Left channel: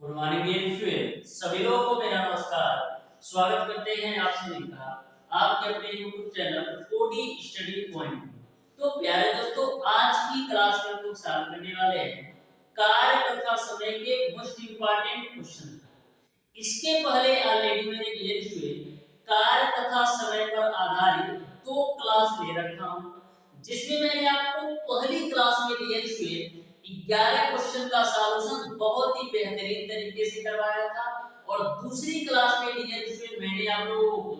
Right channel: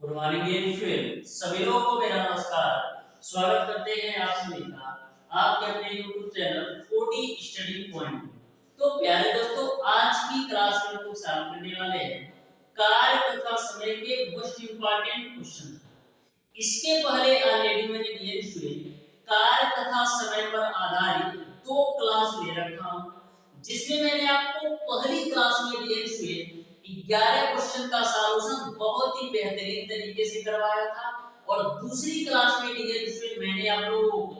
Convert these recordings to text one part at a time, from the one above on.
Good morning dear student, सभी लोगों को मेरा नमस्कार। स्वागत करते हैं आप सभी का आपके अपने YouTube channel OD study point में। तो प्यारे दोस्तों, आज की क्लास में हम सॉल्व करने वाले हैं कार्य तथा समय के मोस्ट इंपॉर्टेंट क्वेश्चन। इसके पहले ऑलरेडी मैंने डियर स्टूडेंट कार्य तथा समय पर आधारित दो क्लास ले रखा हूं, जिसमें मैंने आपको पहली क्लास में डियर स्टूडेंट 11 क्वेश्चन का सॉल्यूशन बहुत ही बेहतरीन तरीके से करवाया था, और दूसरी क्लास में डियर स्टूडेंट मैंने आप लोगों को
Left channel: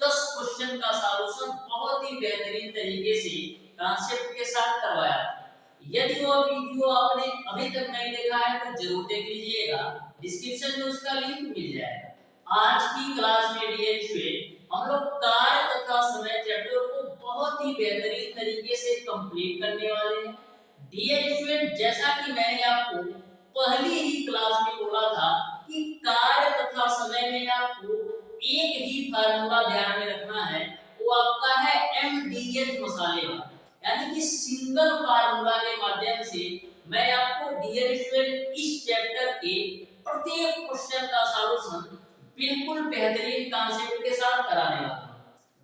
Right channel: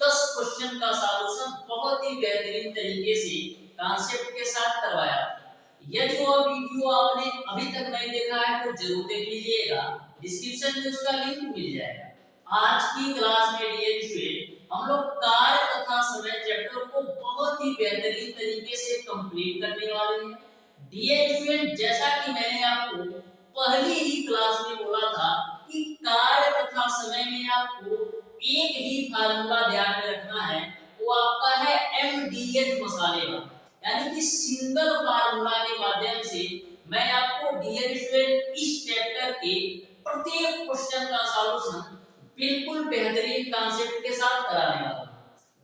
10 क्वेश्चन का सॉल्यूशन बहुत ही बेहतरीन तरीके से कॉन्सेप्ट के साथ करवाया था। यदि वो वीडियो आपने अभी तक नहीं देखा है तो जरूर देख लीजिएगा, डिस्क्रिप्शन में उसका लिंक मिल जाएगा। आज की क्लास में डियर स्टूडेंट हम लोग कार्य तथा समय चैप्टर को बहुत ही बेहतरीन तरीके से कंप्लीट करने वाले हैं। डियर स्टूडेंट, जैसा कि मैंने आपको पहली ही क्लास में बोला था कि कार्य तथा समय में आपको एक ही फार्मूला ध्यान में रखना है, वो आपका है MDH मसाले वाला, यानी कि सिंगल फार्मूला के माध्यम से मैं आपको डियर स्टूडेंट इस चैप्टर के प्रत्येक क्वेश्चन का सॉल्यूशन बिल्कुल बेहतरीन कॉन्सेप्ट के साथ कराने वाला हूं।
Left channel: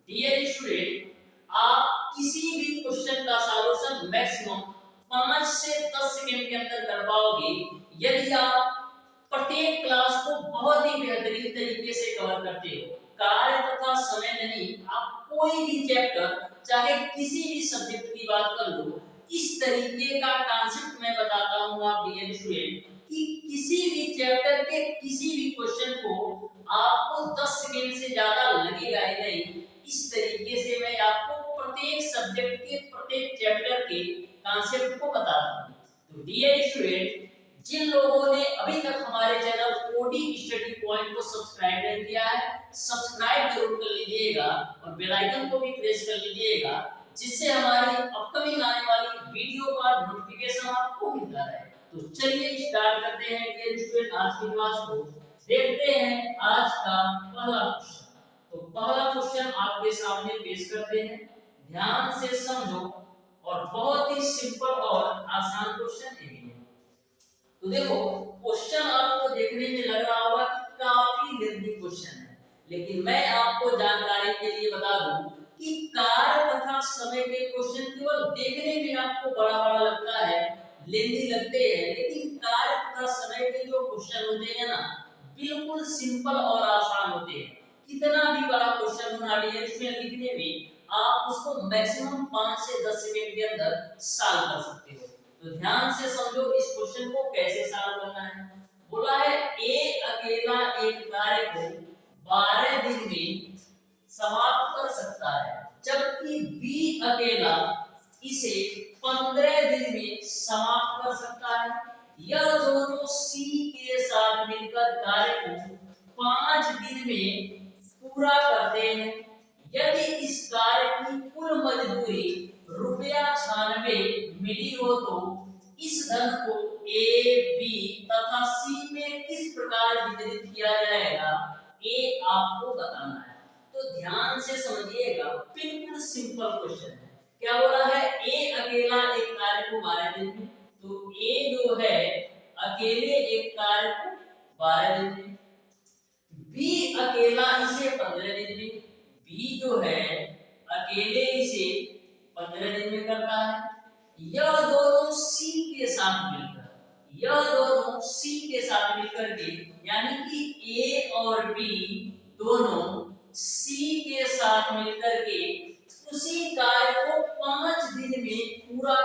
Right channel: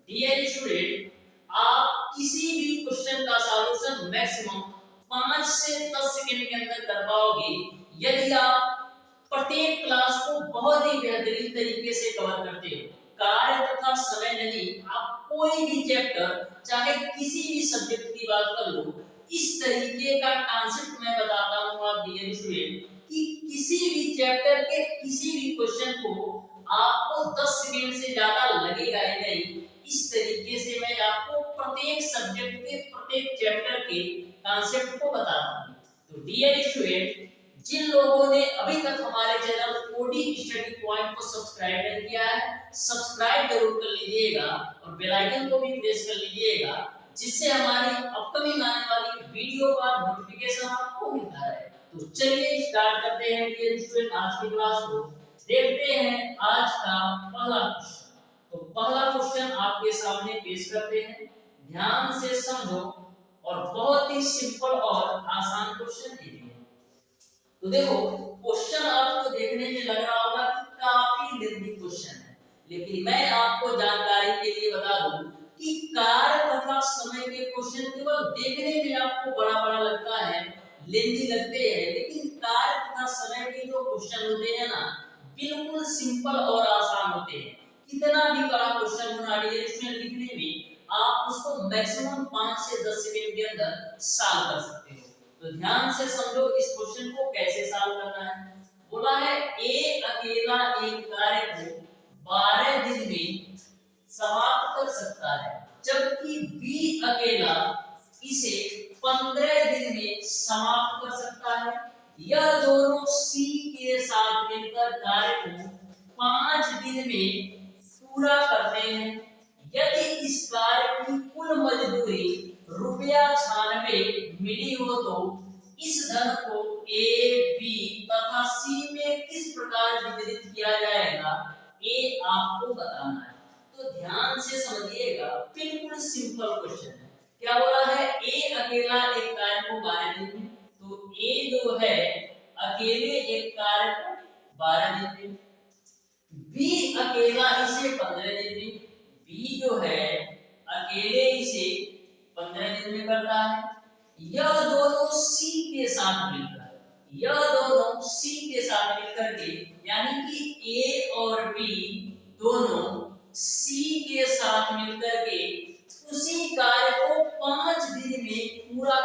डियर स्टूडेंट, आप किसी भी क्वेश्चन का सॉल्यूशन मैक्सिमम 5 से 10 सेकंड के अंदर कर पाओगे, यदि आप प्रत्येक क्लास को बहुत ही बेहतरीन तरीके से कवर करते हो। कार्य तथा समय नहीं, आप कोई भी चैप्टर चाहे किसी भी सब्जेक्ट की बात कर लो, इस तरीके का कॉन्सेप्ट मैं बताता हूं आप डियर स्टूडेंट कि किसी भी चैप्टर के किसी भी क्वेश्चन को आपको 10 सेकंड से ज्यादा लगेगा ही नहीं। इस तरीके से मैं आपको प्रत्येक सब्जेक्ट के प्रत्येक चैप्टर के कॉन्सेप्ट को बताता हूं। तो डियर स्टूडेंट, जिन लोगों ने अभी तक हमारे चैनल ओडी स्टडी पॉइंट को सब्सक्राइब नहीं किया है, सब्सक्राइब जरूर कर लीजिएगा और बेल आइकन को भी प्रेस कर लीजिएगा, जिससे हमारी अपकमिंग आने वाली वीडियो का नोटिफिकेशन आपको मिलता रहे। तो चलिए स्टार्ट करते हैं डियर स्टूडेंट आज की क्लास को। देखते हैं आज का पहला क्वेश्चन। तो पहला क्वेश्चन आपके सामने पेश करते हैं, ध्यान से समझो, और बहुत ही सिंपल और आसान क्वेश्चन है। तो देखो, क्वेश्चन आपको देखने में लग रहा होगा कि काफी लेंथी क्वेश्चन है, लेकिन मैं आपको जानकारी के लिए बता दूं कि कार्य तथा समय के क्वेश्चन केवल देखने में आपको बड़ा बड़ा लगता है, लेंथी लगते हैं, लेकिन कार्य तथा समय के जो क्वेश्चन होते हैं ना, बिल्कुल सिंपल और आसान होते हैं। कितना भी बड़ा क्वेश्चन होना इसमें लिखने में आप उसको मैक्सिमम 5 से 10 सेकंड के अंदर सॉल्व कर सकते हो। तो ध्यान से समझो इस क्वेश्चन को कैसे सॉल्व करना है। बोला है ए अकेला एक कार्य को 12 दिन में समाप्त कर सकता है, जबकि बी अकेला इसे 15 दिन में समाप्त कर सकता है। यह दोनों सी के साथ मिलकर कार्य को 5 दिन में पूरा करते हैं। यदि इस कार्य की कुल मजदूरी ₹96 मिली हो तो इस धन को ए, बी तथा सी में किस प्रकार वितरित किया जाएगा, ये आपको बताना है। तो ध्यान से समझिएगा, बिल्कुल सिंपल क्वेश्चन है। क्या बोला है, ए अकेला एक कार्य को 12 दिन में, तो ए जो है अकेले एक कार्य को 12 दिन में, बी अकेला इसे 15 दिन में, बी जो है अकेले इसे 15 दिन में करता है। यह दोनों सी के साथ मिलकर के, यानी कि ए और बी दोनों सी के साथ मिलकर के उसी कार्य को 5 दिन में पूरा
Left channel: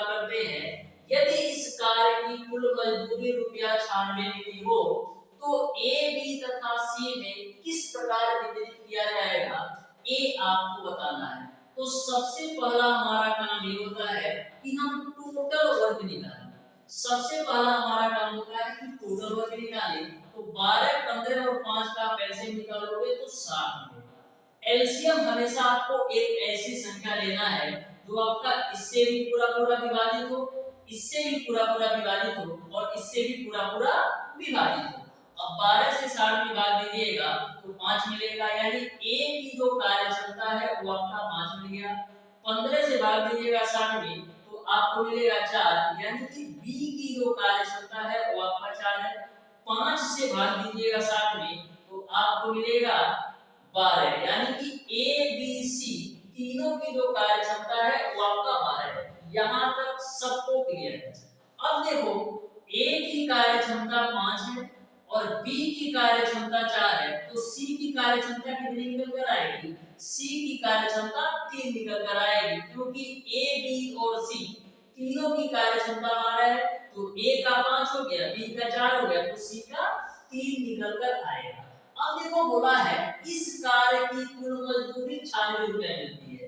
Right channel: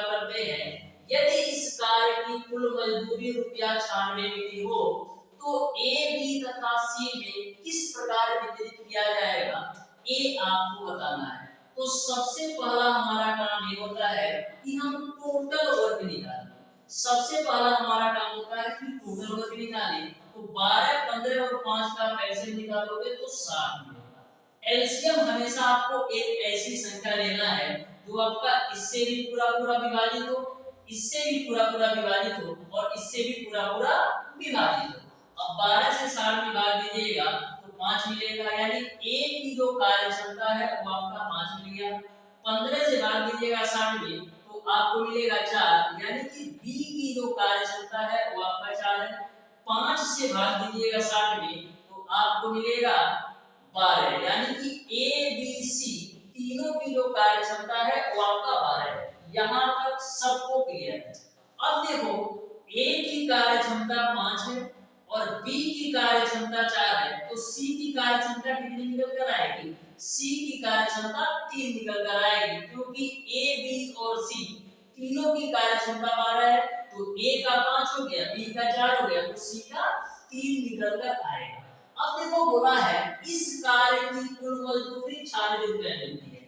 करते हैं। यदि इस कार्य की कुल मजदूरी ₹96 मिली हो तो ए, बी तथा सी में किस प्रकार वितरित किया जाएगा, ये आपको बताना है। तो सबसे पहला हमारा काम ये होता है कि हम टोटल वर्क निकालें। तो 12, 15 और 5 का एलसीएम निकालोगे तो 60 मिलेगा। एलसीएम हमेशा आपको एक ऐसी संख्या लेना है जो आपका इससे भी पूरा पूरा विभाजित हो, इससे भी पूरा पूरा विभाजित हो, और इससे भी पूरा पूरा विभाजित हो। अब 12 से 60 में भाग दीजिएगा तो 5 मिलेगा, यानी ए की जो कार्य क्षमता है वो आपका 5 मिल गया। 15 से भाग दीजिएगा 60 में तो आपको मिलेगा 4, यानी कि बी की जो कार्य क्षमता है वो आपका 4 है। 5 से भाग दीजिएगा 7 में तो आपको मिलेगा 12, यानी कि ए बी सी तीनों की जो कार्य क्षमता है वो आपका 12 है। यहां तक सबको क्लियर है। अब देखो ए की कार्य क्षमता 5 है और बी की कार्य क्षमता 4 है, तो सी की कार्य क्षमता कितनी निकल कर आएगी? सी की कार्य क्षमता 3 निकल कर आएगी, क्योंकि ए बी और सी तीनों की कार्य क्षमता 12 है, तो ए का 5 हो गया, बी का 4 हो गया, तो सी का 3 निकल कर आएगा। अब देखो बोला है इस कार्य की कुल मजदूरी 96 रुपए मिलती है।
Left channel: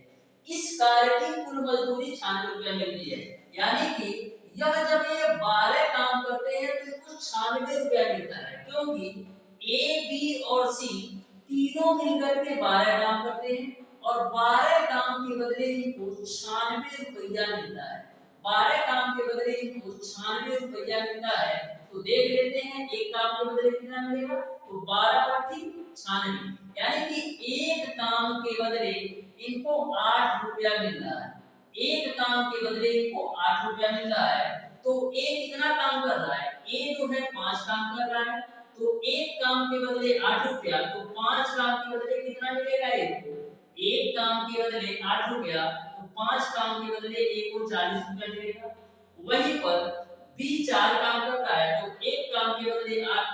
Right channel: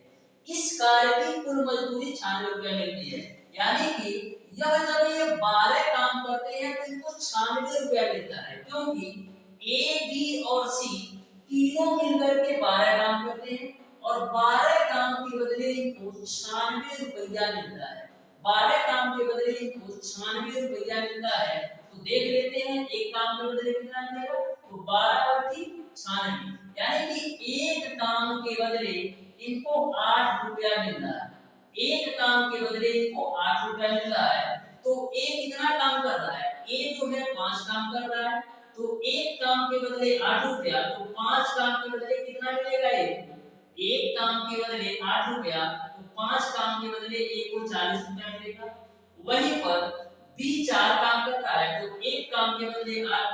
इस कार्य की कुल मजदूरी 96 रुपए मिलती है, यानी कि यह जब ये 12 काम करते हैं तो इनको 96 रुपया मिलता है, क्योंकि ए बी और सी तीनों मिलकर के 12 काम करते हैं और 12 काम के बदले इनको 96 रुपया मिलता है। 12 काम के बदले इनको 96 रुपया मिलता है, तो देख लेते हैं एक काम के बदले कितना मिलेगा, तो 12 बटी 96, यानी कि एक काम के बदले इनको 8 रुपया मिल रहा है। एक काम के बदले इनको 8 रुपया मिल रहा है, तो ए कितना काम कर रहा है? ए जो है 5 काम कर रहा है, तो एक काम के बदले 8 रुपया, तो 5 काम के बदले कितना मिलेगा इनको? एक काम के बदले 8 रुपया, तो 5 काम के बदले ए को 40 रुपया मिलेगा। वहीं पर बी 4 काम करता है, तो एक काम के बदले 8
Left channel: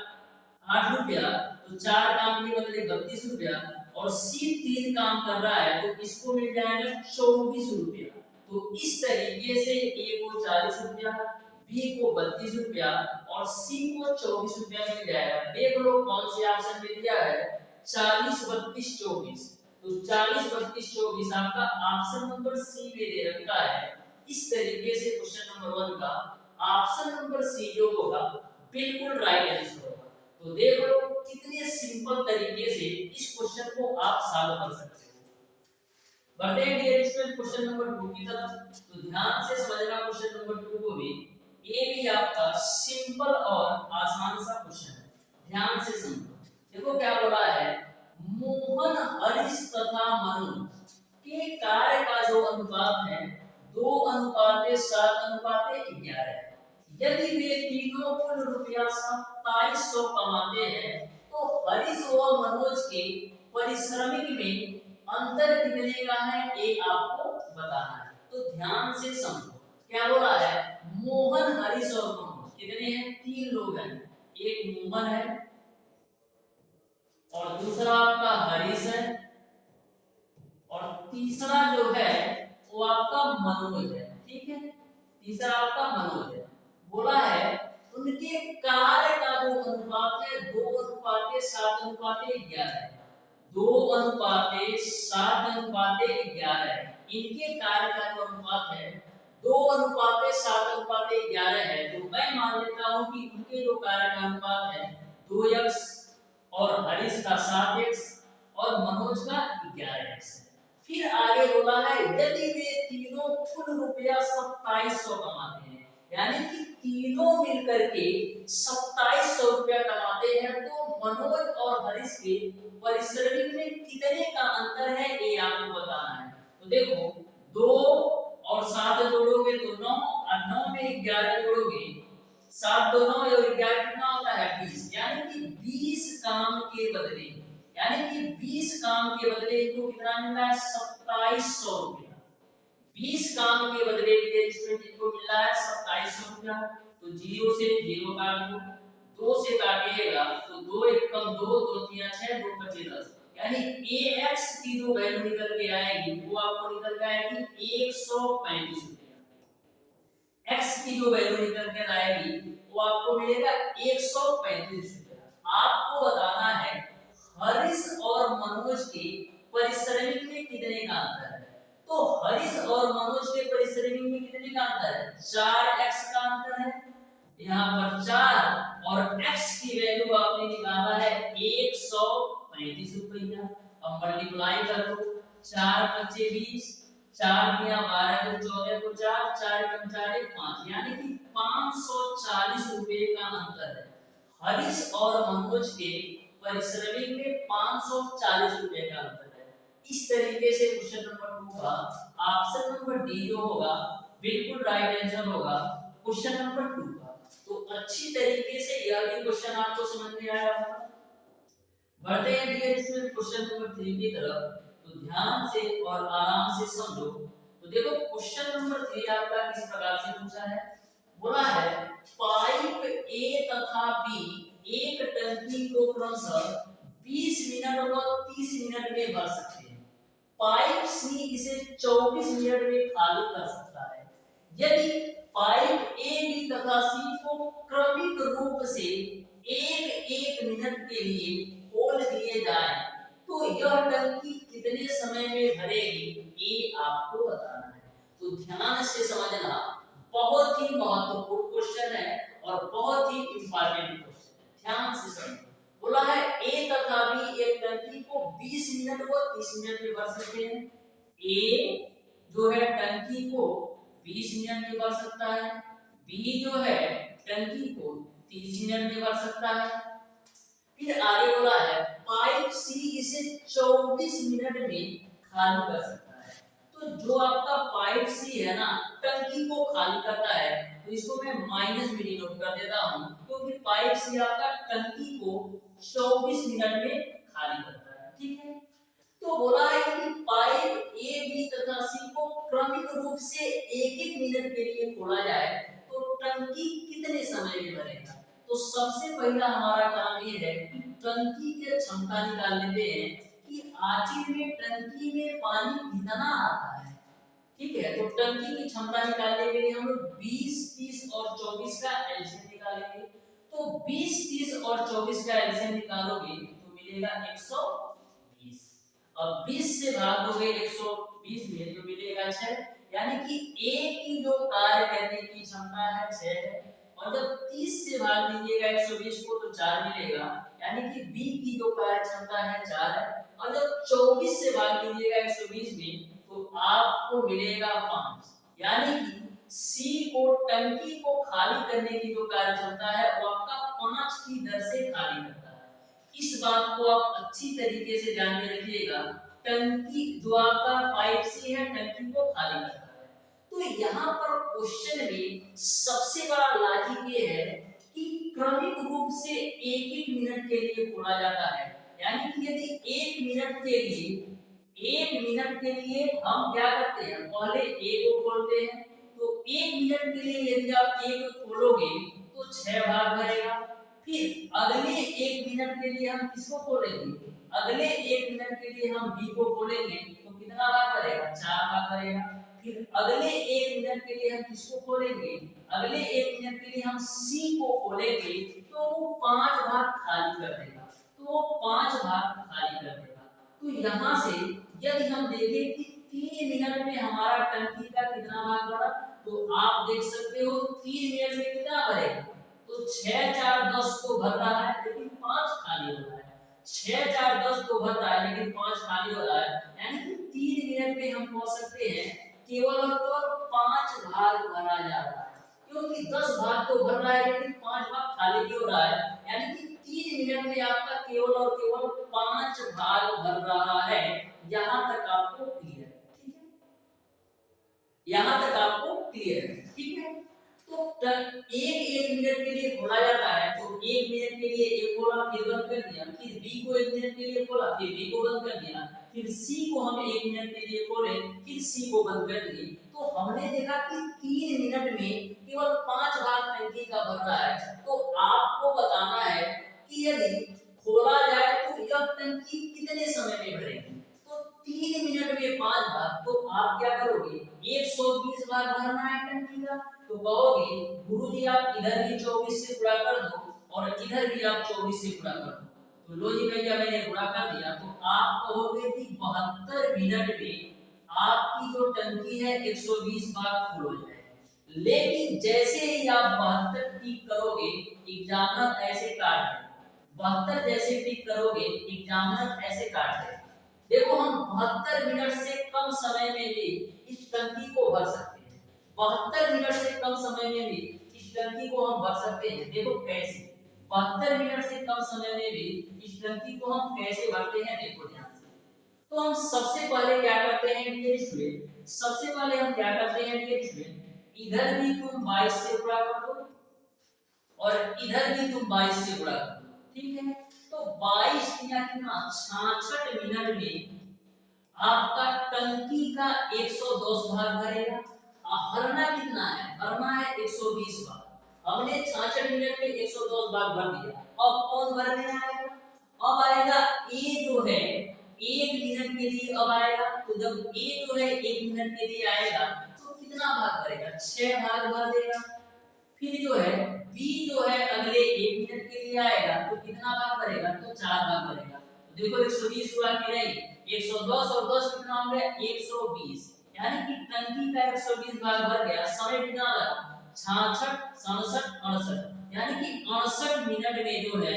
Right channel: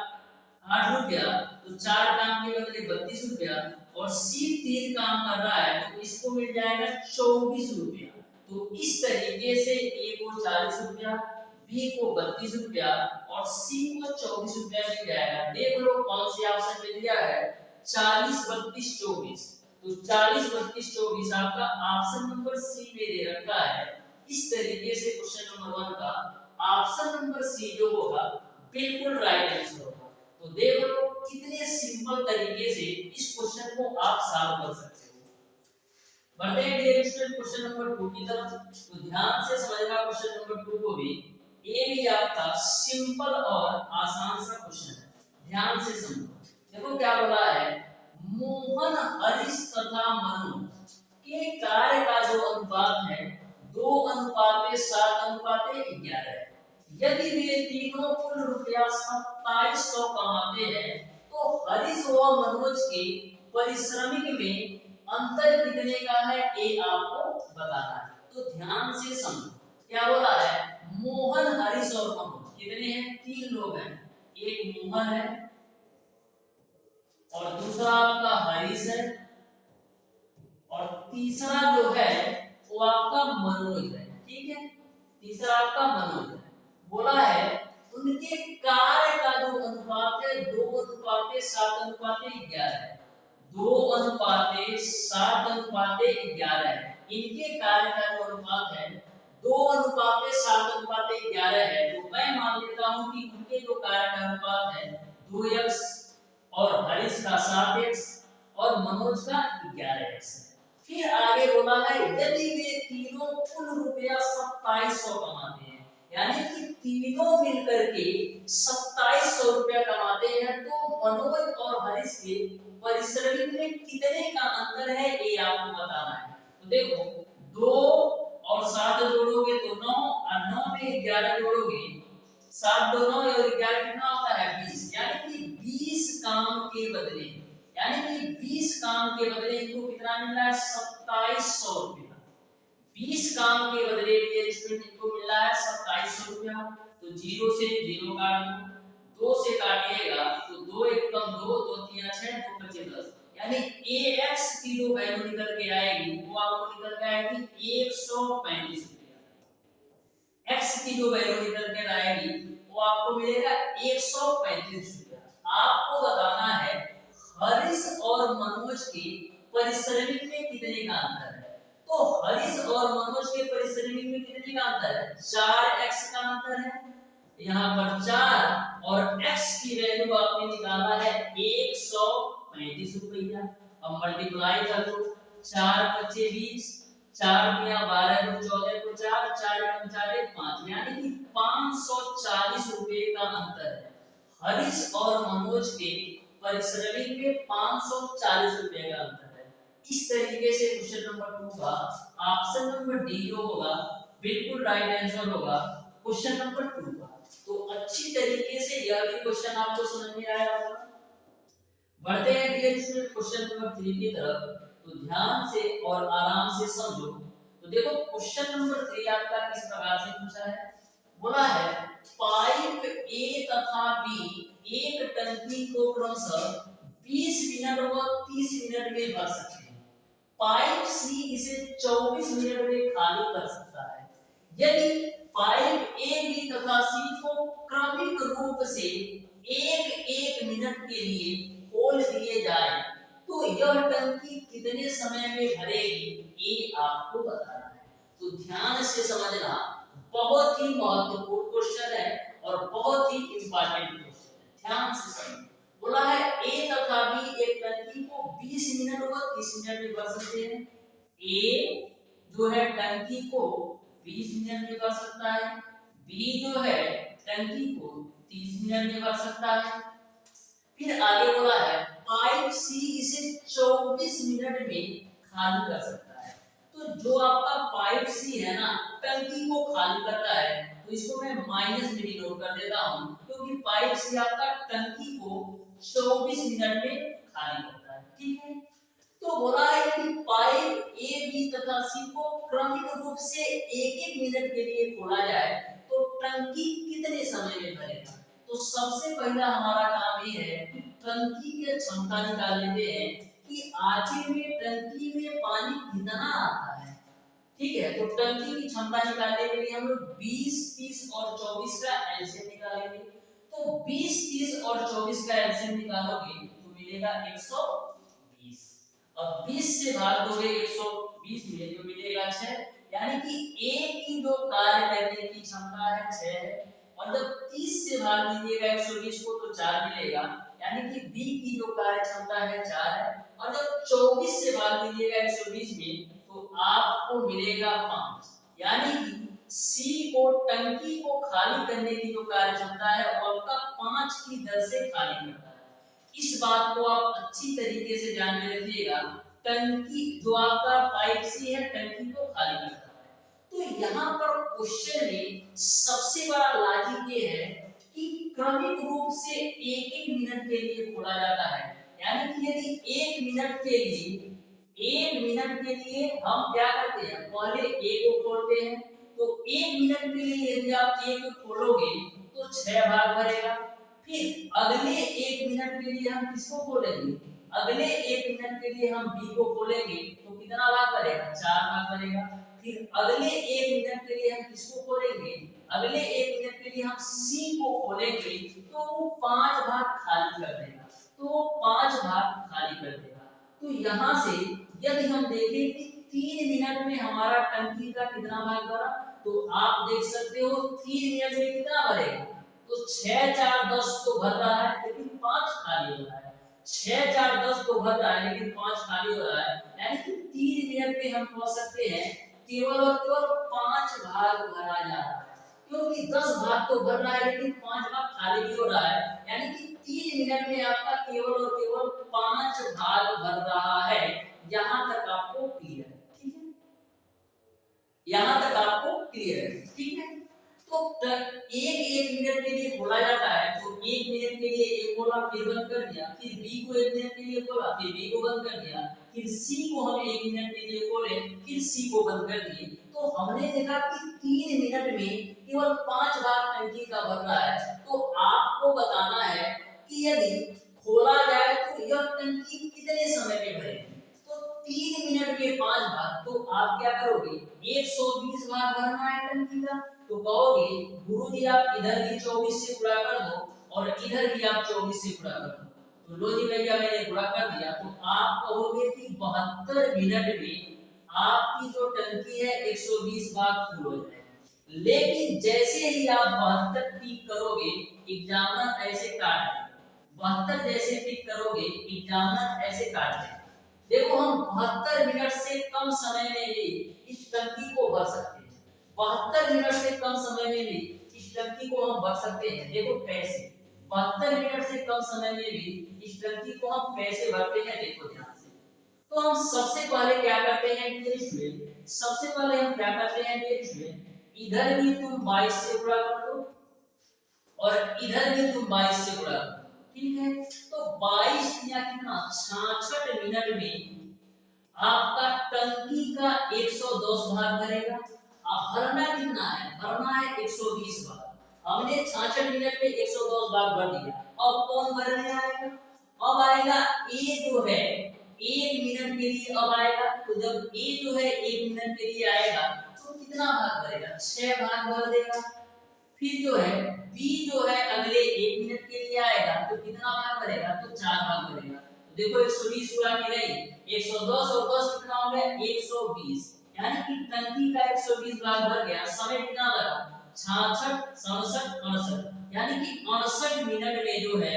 रुपया, तो 4 काम के बदले 32 रुपया, और सी 3 काम कर रहा है तो इसको मिल जाएगा 24 रुपया। तो इस तरीके से ए को 40 रुपया, बी को 32 रुपया और सी को 24 रुपया मिल जाएगा। देख लो कौन से ऑप्शन में दिया है, 40 32 24, तो 40 32 24 आपका ऑप्शन नंबर सी में दे रखा है। इस तरीके से क्वेश्चन नंबर 1 का ऑप्शन नंबर सी जो होगा बिल्कुल राइट आंसर होगा। तो देख लो कितने सिंपल तरीके से इस क्वेश्चन को आप सॉल्व कर सकते हो। बढ़ते हैं डियर स्टूडेंट क्वेश्चन नंबर 2 की तरफ। तो ध्यान से समझना क्वेश्चन नंबर 2 को भी, ये भी आपका सिंपल और आसान सा क्वेश्चन है, ध्यान से समझो। देखो क्या बोला है, मोहन हरीश तथा मनोज के कार्य का जो अनुपात है 2:7:11 है। यदि वे तीनों कुल रुपया 2700 कमाते हैं तो हरीश व मनोज के पारिश्रमिक में अंतर कितने का है, ये आपको बताना है। तो ध्यान से समझो क्या हो रहा है, मोहन हरीश और मनोज कितने हैं, 3 लोग हैं। एक मोहन है और दूसरा आपका हरीश है और तीसरा जो है वो आपका मनोज है। ठीक है, तीसरा आपका मनोज है। बोला है उनके कार्य का जो अनुपात है 2:7:11 है। 2:7:11 है। इनके कार्य का जो अनुपात है 2:7:11 है, तो मैं मान लेता हूं कि उनके जो कार्य का अनुपात है 2x और हरीश का 7x और मनोज का 11x है। फिर आगे बोला है यदि वे तीनों कुल रुपया 2700 कमाते हैं, यानी कि तीनों मिलकर के 2700 रुपया कमाते हैं, तो मनोज और हरीश के पारिश्रमिक में कितने का अंतर है ये आपको बताना है। तो देखो 2 और 7 जोड़ोगे तो 9 और 9 में 11 जोड़ोगे, 7 2 9 और 11 कितना होता है 20, यानी कि 20 काम के बदले, यानी कि 20 काम के बदले इनको कितना मिल रहा है 2700 रुपया। 20 काम के बदले ये स्टूडेंट इनको मिल रहा है 2700 रुपया। तो 0 से 0 काट दो, 2 से काटिएगा तो 2 1 कम 2, 2 3 6, 2 5 10, यानी ax की जो वैल्यू निकल के आएगी वो आपको निकल के आएगी 135 रुपया। x की जो वैल्यू निकल के आएगी वो आपको मिलेगा 135 रुपया। आपको बताना है हरीश और मनोज के पारिश्रमिक में कितने का अंतर है। तो हरीश और मनोज के पारिश्रमिक में कितने का अंतर है, 4x का अंतर है। यहाँ पर 4 और x की वैल्यू आपने निकाला है 135 रुपया। अब मल्टीप्लाई कर दो, 4 5 20, 4 दिया 12 को 14 को 4, 4 कम 4 5, यानी कि 540 रुपए का अंतर है। हरीश और मनोज के पारिश्रमिक में 540 रुपए का अंतर है। इस तरीके से क्वेश्चन नंबर 2 का ऑप्शन नंबर डी जो होगा बिल्कुल राइट आंसर होगा क्वेश्चन नंबर 2 का। तो अच्छी तरीके से यह भी क्वेश्चन आपको समझ में आया होगा। बढ़ते हैं डियर स्टूडेंट क्वेश्चन नंबर 3 की तरफ। तो ध्यान से और आराम से समझो। तो देखो क्वेश्चन नंबर 3 आपका किस प्रकार से पूछा है। बोला है पाइप ए तथा बी एक टंकी को क्रमशः 20 मिनट व 30 मिनट में भर सकते हैं। पाइप सी इसे 24 मिनट में खाली कर सकता है। यदि पाइप ए बी तथा सी को क्रमिक रूप से एक एक मिनट के लिए खोल दिए जाए तो यह टंकी कितने समय में भरेगी, ये आपको बताना है। तो ध्यान से समझना, बहुत ही महत्वपूर्ण क्वेश्चन है और बहुत ही इंपॉर्टेंट क्वेश्चन है। ध्यान से समझो। बोला है ए तथा बी एक टंकी को 20 मिनट व 30 मिनट में भर सकते हैं। ए जो है टंकी को 20 मिनट में भर सकता है, बी जो है टंकी को 30 मिनट में भर सकता है। फिर आगे बोला है पाइप सी इसे 24 मिनट में खाली कर सकता है। तो जो आपका पाइप सी है ना, टंकी को खाली करता है, तो इसको मैं माइनस में डिनोट कर देता हूं, क्योंकि पाइप सी आपका टंकी को 24 मिनट में खाली करता है। ठीक है। तो बोला है कि पाइप ए बी तथा सी को क्रमिक रूप से एक एक मिनट के लिए खोला जाए तो टंकी कितने समय में भरेगा। तो सबसे पहला हमारा काम ये है कि टंकी की क्षमता निकाल लेते हैं कि आखिर में टंकी में पानी कितना आता है। ठीक है। तो टंकी की क्षमता निकालने के लिए हम लोग 20, 30 और 24 का एलसीएम निकालेंगे। तो 20, 30 और 24 का एलसीएम निकालोगे तो मिलेगा 120। अब 20 से भाग दोगे 120 में जो मिलेगा 6, यानी कि ए की जो कार्य करने की क्षमता है 6 है। और जब 30 से भाग दीजिएगा 120 को तो 4 मिलेगा, यानी कि बी की जो कार्य क्षमता है 4 है। और जब 24 से भाग दीजिएगा 120 में तो आपको मिलेगा 5, यानी कि सी को टंकी को खाली करने की जो कार्य क्षमता है वो आपका 5 की दर से खाली करता है। इस बात को आप अच्छी तरीके से ध्यान में रखिएगा। टंकी जो आपका पाइप सी है टंकी को खाली करता है। तो यहाँ पर क्वेश्चन में सबसे बड़ा लॉजिक ये है कि क्रमिक रूप से एक एक मिनट के लिए खोला जाता है, यानी कि यदि एक मिनट के लिए हम क्या करते हैं, पहले ए को खोलते हैं। तो एक मिनट के लिए यदि आप ए को खोलोगे तो 6 भाग भरेगा। फिर अगले एक मिनट के लिए हम किसको खोलेंगे, अगले एक मिनट के लिए हम बी को खोलेंगे तो कितना भाग भरेगा, 4 भाग भरेगा। फिर अगले एक मिनट के लिए हम किसको खोलेंगे, अगले एक मिनट के लिए हम सी को खोलेंगे तो वो 5 भाग खाली कर देगा। तो वो 5 भाग खाली कर देगा। तो यहाँ से यदि हम देखें कि 3 मिनट में हमारा टंकी का कितना भाग भरा, तो आप देख सकते हो 3 मिनट में कितना भरेगा। तो 6 4 10 तो भर रहा है लेकिन 5 खाली हो रहा है। 6 4 10 तो भर रहा है लेकिन 5 खाली हो रहा है, यानी कि 3 मिनट में हम पहुंच सकते हैं केवल और केवल 5 भाग भरा जा रहा है। क्योंकि 10 भाग तो भर रहा है लेकिन 5 भाग खाली भी हो रहा है, यानी कि 3 मिनट में आपका केवल और केवल 5 भाग भर रहा है। यहां तक आपको क्लियर है। ठीक है, यहां तक आपको क्लियर है। ठीक है। तो एक मिनट के लिए खोला जाता है, तो एक मिनट के लिए ए खोला फिर बंद कर दिया, फिर बी को एक मिनट के लिए खोला फिर बी को बंद कर दिया, फिर सी को हम एक मिनट के लिए खोले फिर सी को बंद कर दिए। तो हमने देखा कि 3 मिनट में केवल 5 भाग टंकी का भर रहा है। तो आपको बताना है कि यदि खोला जाए तो यह टंकी कितने समय में भरेगी। तो 3 मिनट में 5 भाग, तो आप क्या करोगे, 120 भाग भरना है टंकी का। तो कहोगे गुरुजी आप इधर भी 24 से गुणा कर दो और इधर भी आप 24 से गुणा कर दो। तो लो जी भैया मैंने गुणा कर दिया। तो आप कहोगे कि 72 मिनट में आपकी जो टंकी है 120 भाग फुल हो जाएगी। लेकिन जैसे ही आप 72 टिक करोगे एग्जामिनर ऐसे काट देगा। 72 जैसे टिक करोगे एग्जामिनर ऐसे काट देगा। देखो हम 72 मिनट से कम समय में भी इस टंकी को भर सकते हैं। 72 मिनट से कम समय में भी इस टंकी को हम भर सकते हैं। देखो कैसे, 72 मिनट से कम समय में भी इस टंकी को हम कैसे भरते हैं, देखो ध्यान से। तो हम सबसे पहले क्या करते हैं डियर स्टूडेंट, सबसे पहले हम क्या करते हैं डियर स्टूडेंट, इधर भी तुम 22 से गुणा कर दो और इधर भी तुम 22 से गुणा कर दो, ठीक है। तो 22 या कितना 66 मिनट में आपका टंकी का 110 भाग भरेगा। अब भरना कितना है, भरना है 120 भाग। हमने 66 मिनट में 110 भाग भर दिया। अब कौन भरने आएगा, अब आएगा ए जो है 1 मिनट के लिए अब आएगा। तो जब ए जो है 1 मिनट के लिए आएगा तो कितना भाग भरेगा, 6 भाग भर देगा। फिर जो है बी जो है अगले 1 मिनट के लिए आएगा तो कितना भाग भरेगा, तो 4 भाग भरेगा। तो देखो 120 हुआ कि नहीं, 110 और 10 कितना हो गया 120, यानी कि टंकी का 120 भाग भर गया। समय कितना लगा 66 67 68, यानी कि 68 मिनट में जो है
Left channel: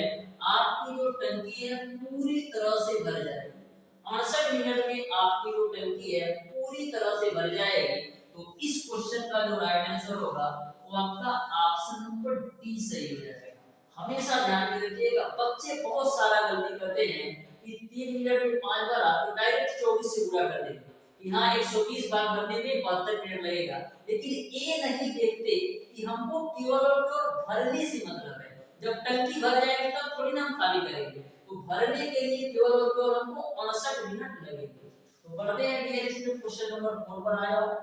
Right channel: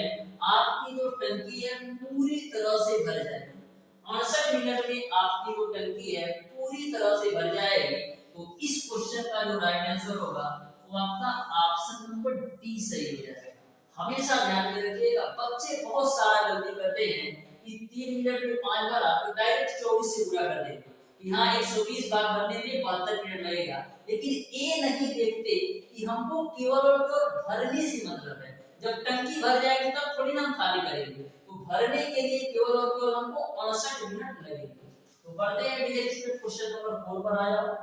आपकी जो टंकी है पूरी तरह से भर जाएगी। 68 मिनट में आपकी जो टंकी है पूरी तरह से भर जाएगी। तो इस क्वेश्चन का जो राइट आंसर होगा वो आपका ऑप्शन नंबर डी सही हो जाएगा। हमेशा ध्यान में रखिएगा, बच्चे बहुत सारा गलती करते हैं कि 3 मिनट में 5 बार आप डायरेक्ट 24 से पूरा कर देते कि हाँ 120 भाग भरने में 72 मिनट लगेगा, लेकिन ये नहीं देखते कि हमको केवल और केवल भरने से मतलब है। जब टंकी भर जाएगी तब थोड़ी ना हम खाली करेंगे, तो भरने के लिए केवल और केवल हमको 59 मिनट लगेंगे। तो बढ़ते हैं डियर स्टूडेंट क्वेश्चन नंबर 4 पर आ जाओ।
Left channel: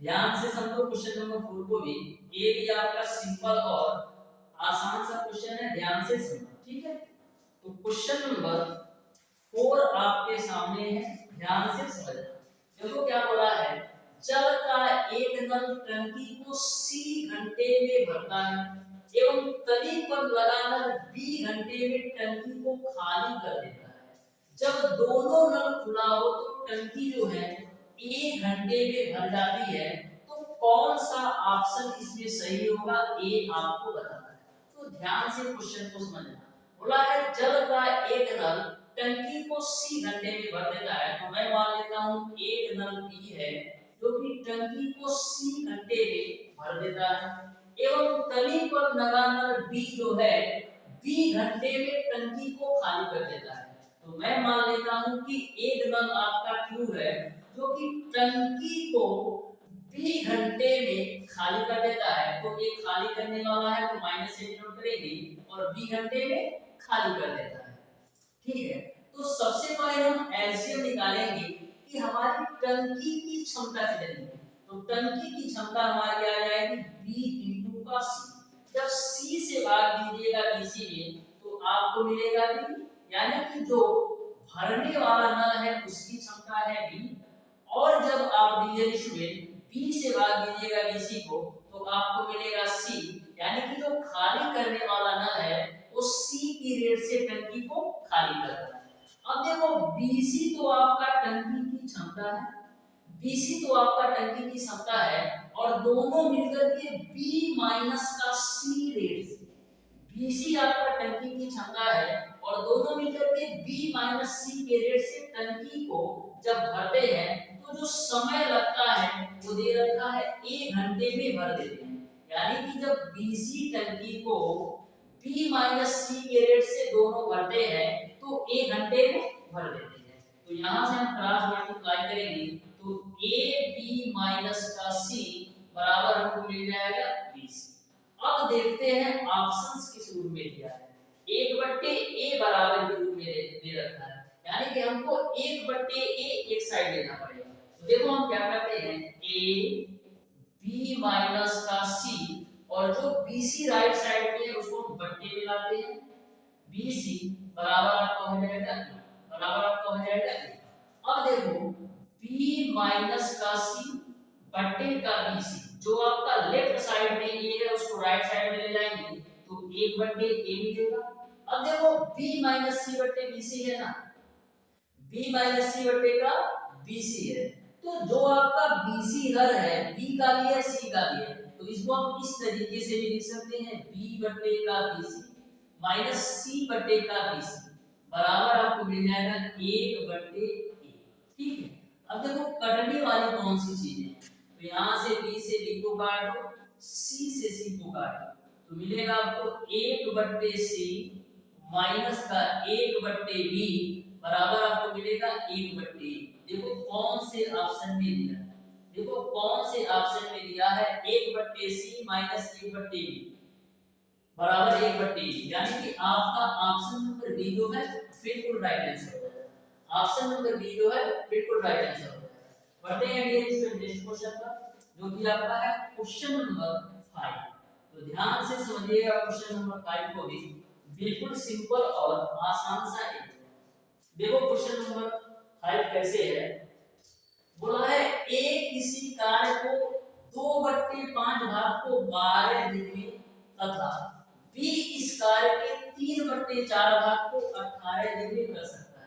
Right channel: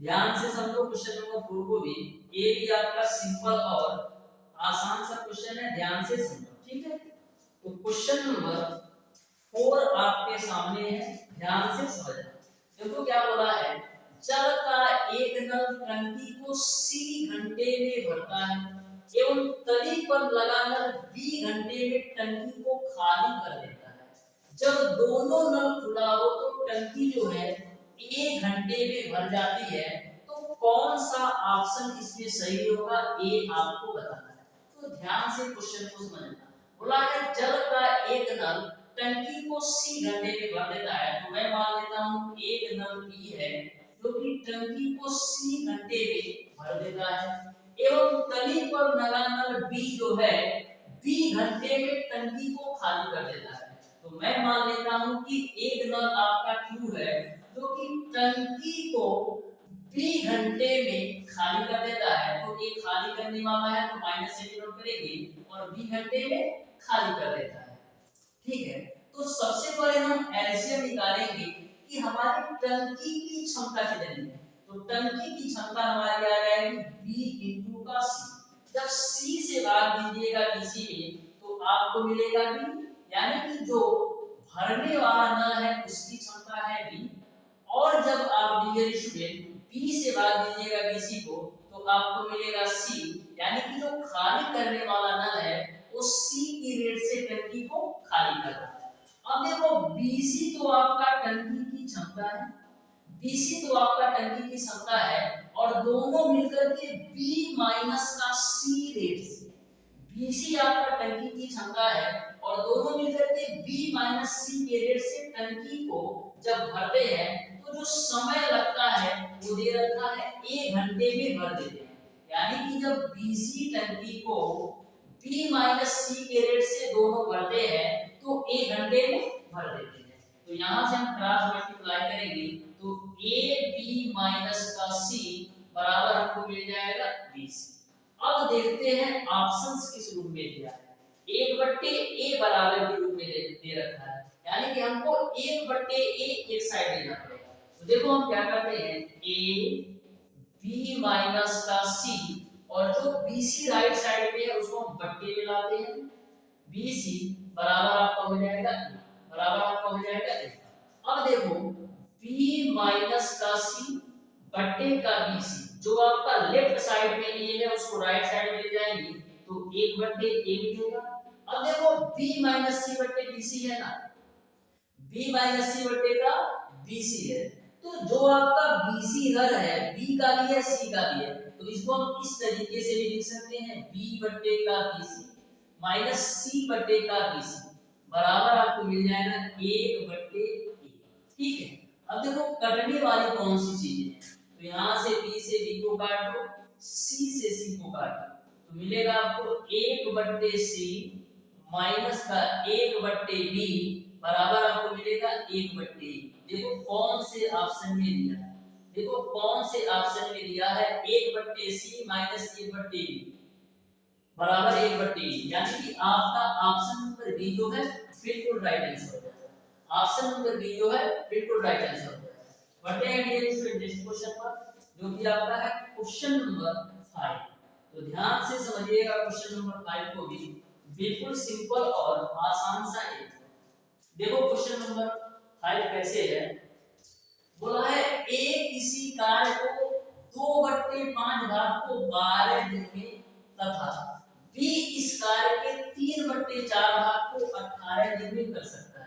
ध्यान से समझो क्वेश्चन नंबर 4 को भी, ये भी आपका सिंपल और आसान सा क्वेश्चन है, ध्यान से समझो, ठीक है। तो क्वेश्चन नंबर 4 आपके सामने है, ध्यान से समझना। देखो क्या बोला है, जल का एक नल टंकी को C घंटे में भरता है एवं तली पर लगा नल B घंटे में टंकी को खाली कर देता है। जब दोनों नल खुला हो तो टंकी जो है 1 घंटे में भर जाती है। तो कौन सा ऑप्शन इसमें सही होगा, ये आपको बताना है। तो ध्यान से क्वेश्चन को समझना। बोला है जल का एक नल टंकी को C घंटे में भर देता है, तो मैं मान लेता हूं एक नल B है जो कि टंकी को C घंटे में भर देता है एवं तली पर लगा नल B जो है B घंटे में टंकी को खाली कर देता है। तो मैं मान लेता हूं कि एक नल आपका Q है जो कि टंकी को B घंटे में खाली कर देता है। तो ये खाली करने वाला है तो माइनस से डिनोट करेंगे और B घंटे में खाली कर देता है, ठीक है। तो सबसे पहले हम एलसीएम निकालेंगे कि हमारी टंकी की क्षमता कितनी है। तो टंकी की क्षमता हमारी आ जाएगी B का C। जब C से भाग दीजिएगा BC में तो आपको मिलेगा B, यानी कि जो भरने वाला नल है उसकी क्षमता है B। और जब आप डियर स्टूडेंट B से भाग दीजिएगा BC को तो आपको मिलेगा C, यानी कि जो खाली करने वाला नल है वो C की रेट से टंकी को खाली कर रहा है। अब देखो BC तो आपका टंकी की क्षमता है, BC तो आपका टंकी की क्षमता है और दोनों मिलकर के B माइनस का C रेट से, BC आपका टंकी की क्षमता है और दोनों मिलकर के B माइनस C के रेट से टंकी को जब भरते हैं तो जो समय लगता है वो दे रखा है 1 घंटे में भर देते हैं। यानी कि जब BC टंकी को B माइनस C के रेट से दोनों भरते हैं तो 1 घंटे में भर देते हैं। तो यहाँ से हम क्रॉस मल्टीप्लाई करेंगे तो AB माइनस का C बराबर हमको मिल जाएगा BC। अब देखते हैं ऑप्शंस किस रूप में दिया है। 1/A बराबर के रूप में दे रखा है, यानी कि हमको 1/A एक साइड देना पड़ेगा। तो देखो हम क्या करते हैं, A B माइनस का C और जो BC राइट साइड पे है उसको हम बट्टे में लाते हैं। BC बराबर आपका हो जाएगा बराबर आपका हो जाएगा अब देखो B माइनस का C बट्टे का BC, जो आपका लेफ्ट साइड में A है उसको राइट साइड में ले जाएंगे तो 1/A मिलेगा। अब देखो B माइनस C बट्टे BC है ना, B माइनस C बट्टे का BC है, तो जो आपका BC हर है B का भी है C का भी है, तो इसको हम इस तरीके से भी लिख सकते हैं B बट्टे का BC माइनस C बट्टे का BC बराबर आपको मिल जाएगा 1/A, ठीक है। अब देखो कटने वाली कौन सी चीजें हैं, तो यहाँ से B से B को काट दो, C से C को काट दो, तो मिलेगा आपको 1/C माइनस का 1/B बराबर आपको मिलेगा 1/A। देखो कौन से ऑप्शन में दिया है, देखो कौन से ऑप्शन में दिया है 1/c माइनस 1/b बराबर 1/e, यानी कि आपका ऑप्शन नंबर बी जो है बिल्कुल राइट आंसर हो जाएगा। ऑप्शन नंबर बी जो है बिल्कुल राइट आंसर हो जाएगा। बढ़ते हैं डियर स्टूडेंट नेक्स्ट क्वेश्चन पर, जो कि आपका है क्वेश्चन नंबर 5। तो ध्यान से समझिएगा क्वेश्चन नंबर 5 को भी, बिल्कुल सिंपल और आसान सा है। देखो क्वेश्चन नंबर 5 कैसे है, बोला है ए किसी कार्य को 2/5 भाग को 12 दिन में तथा बी इस कार्य के 3/4 भाग को 18 दिन में कर सकता है।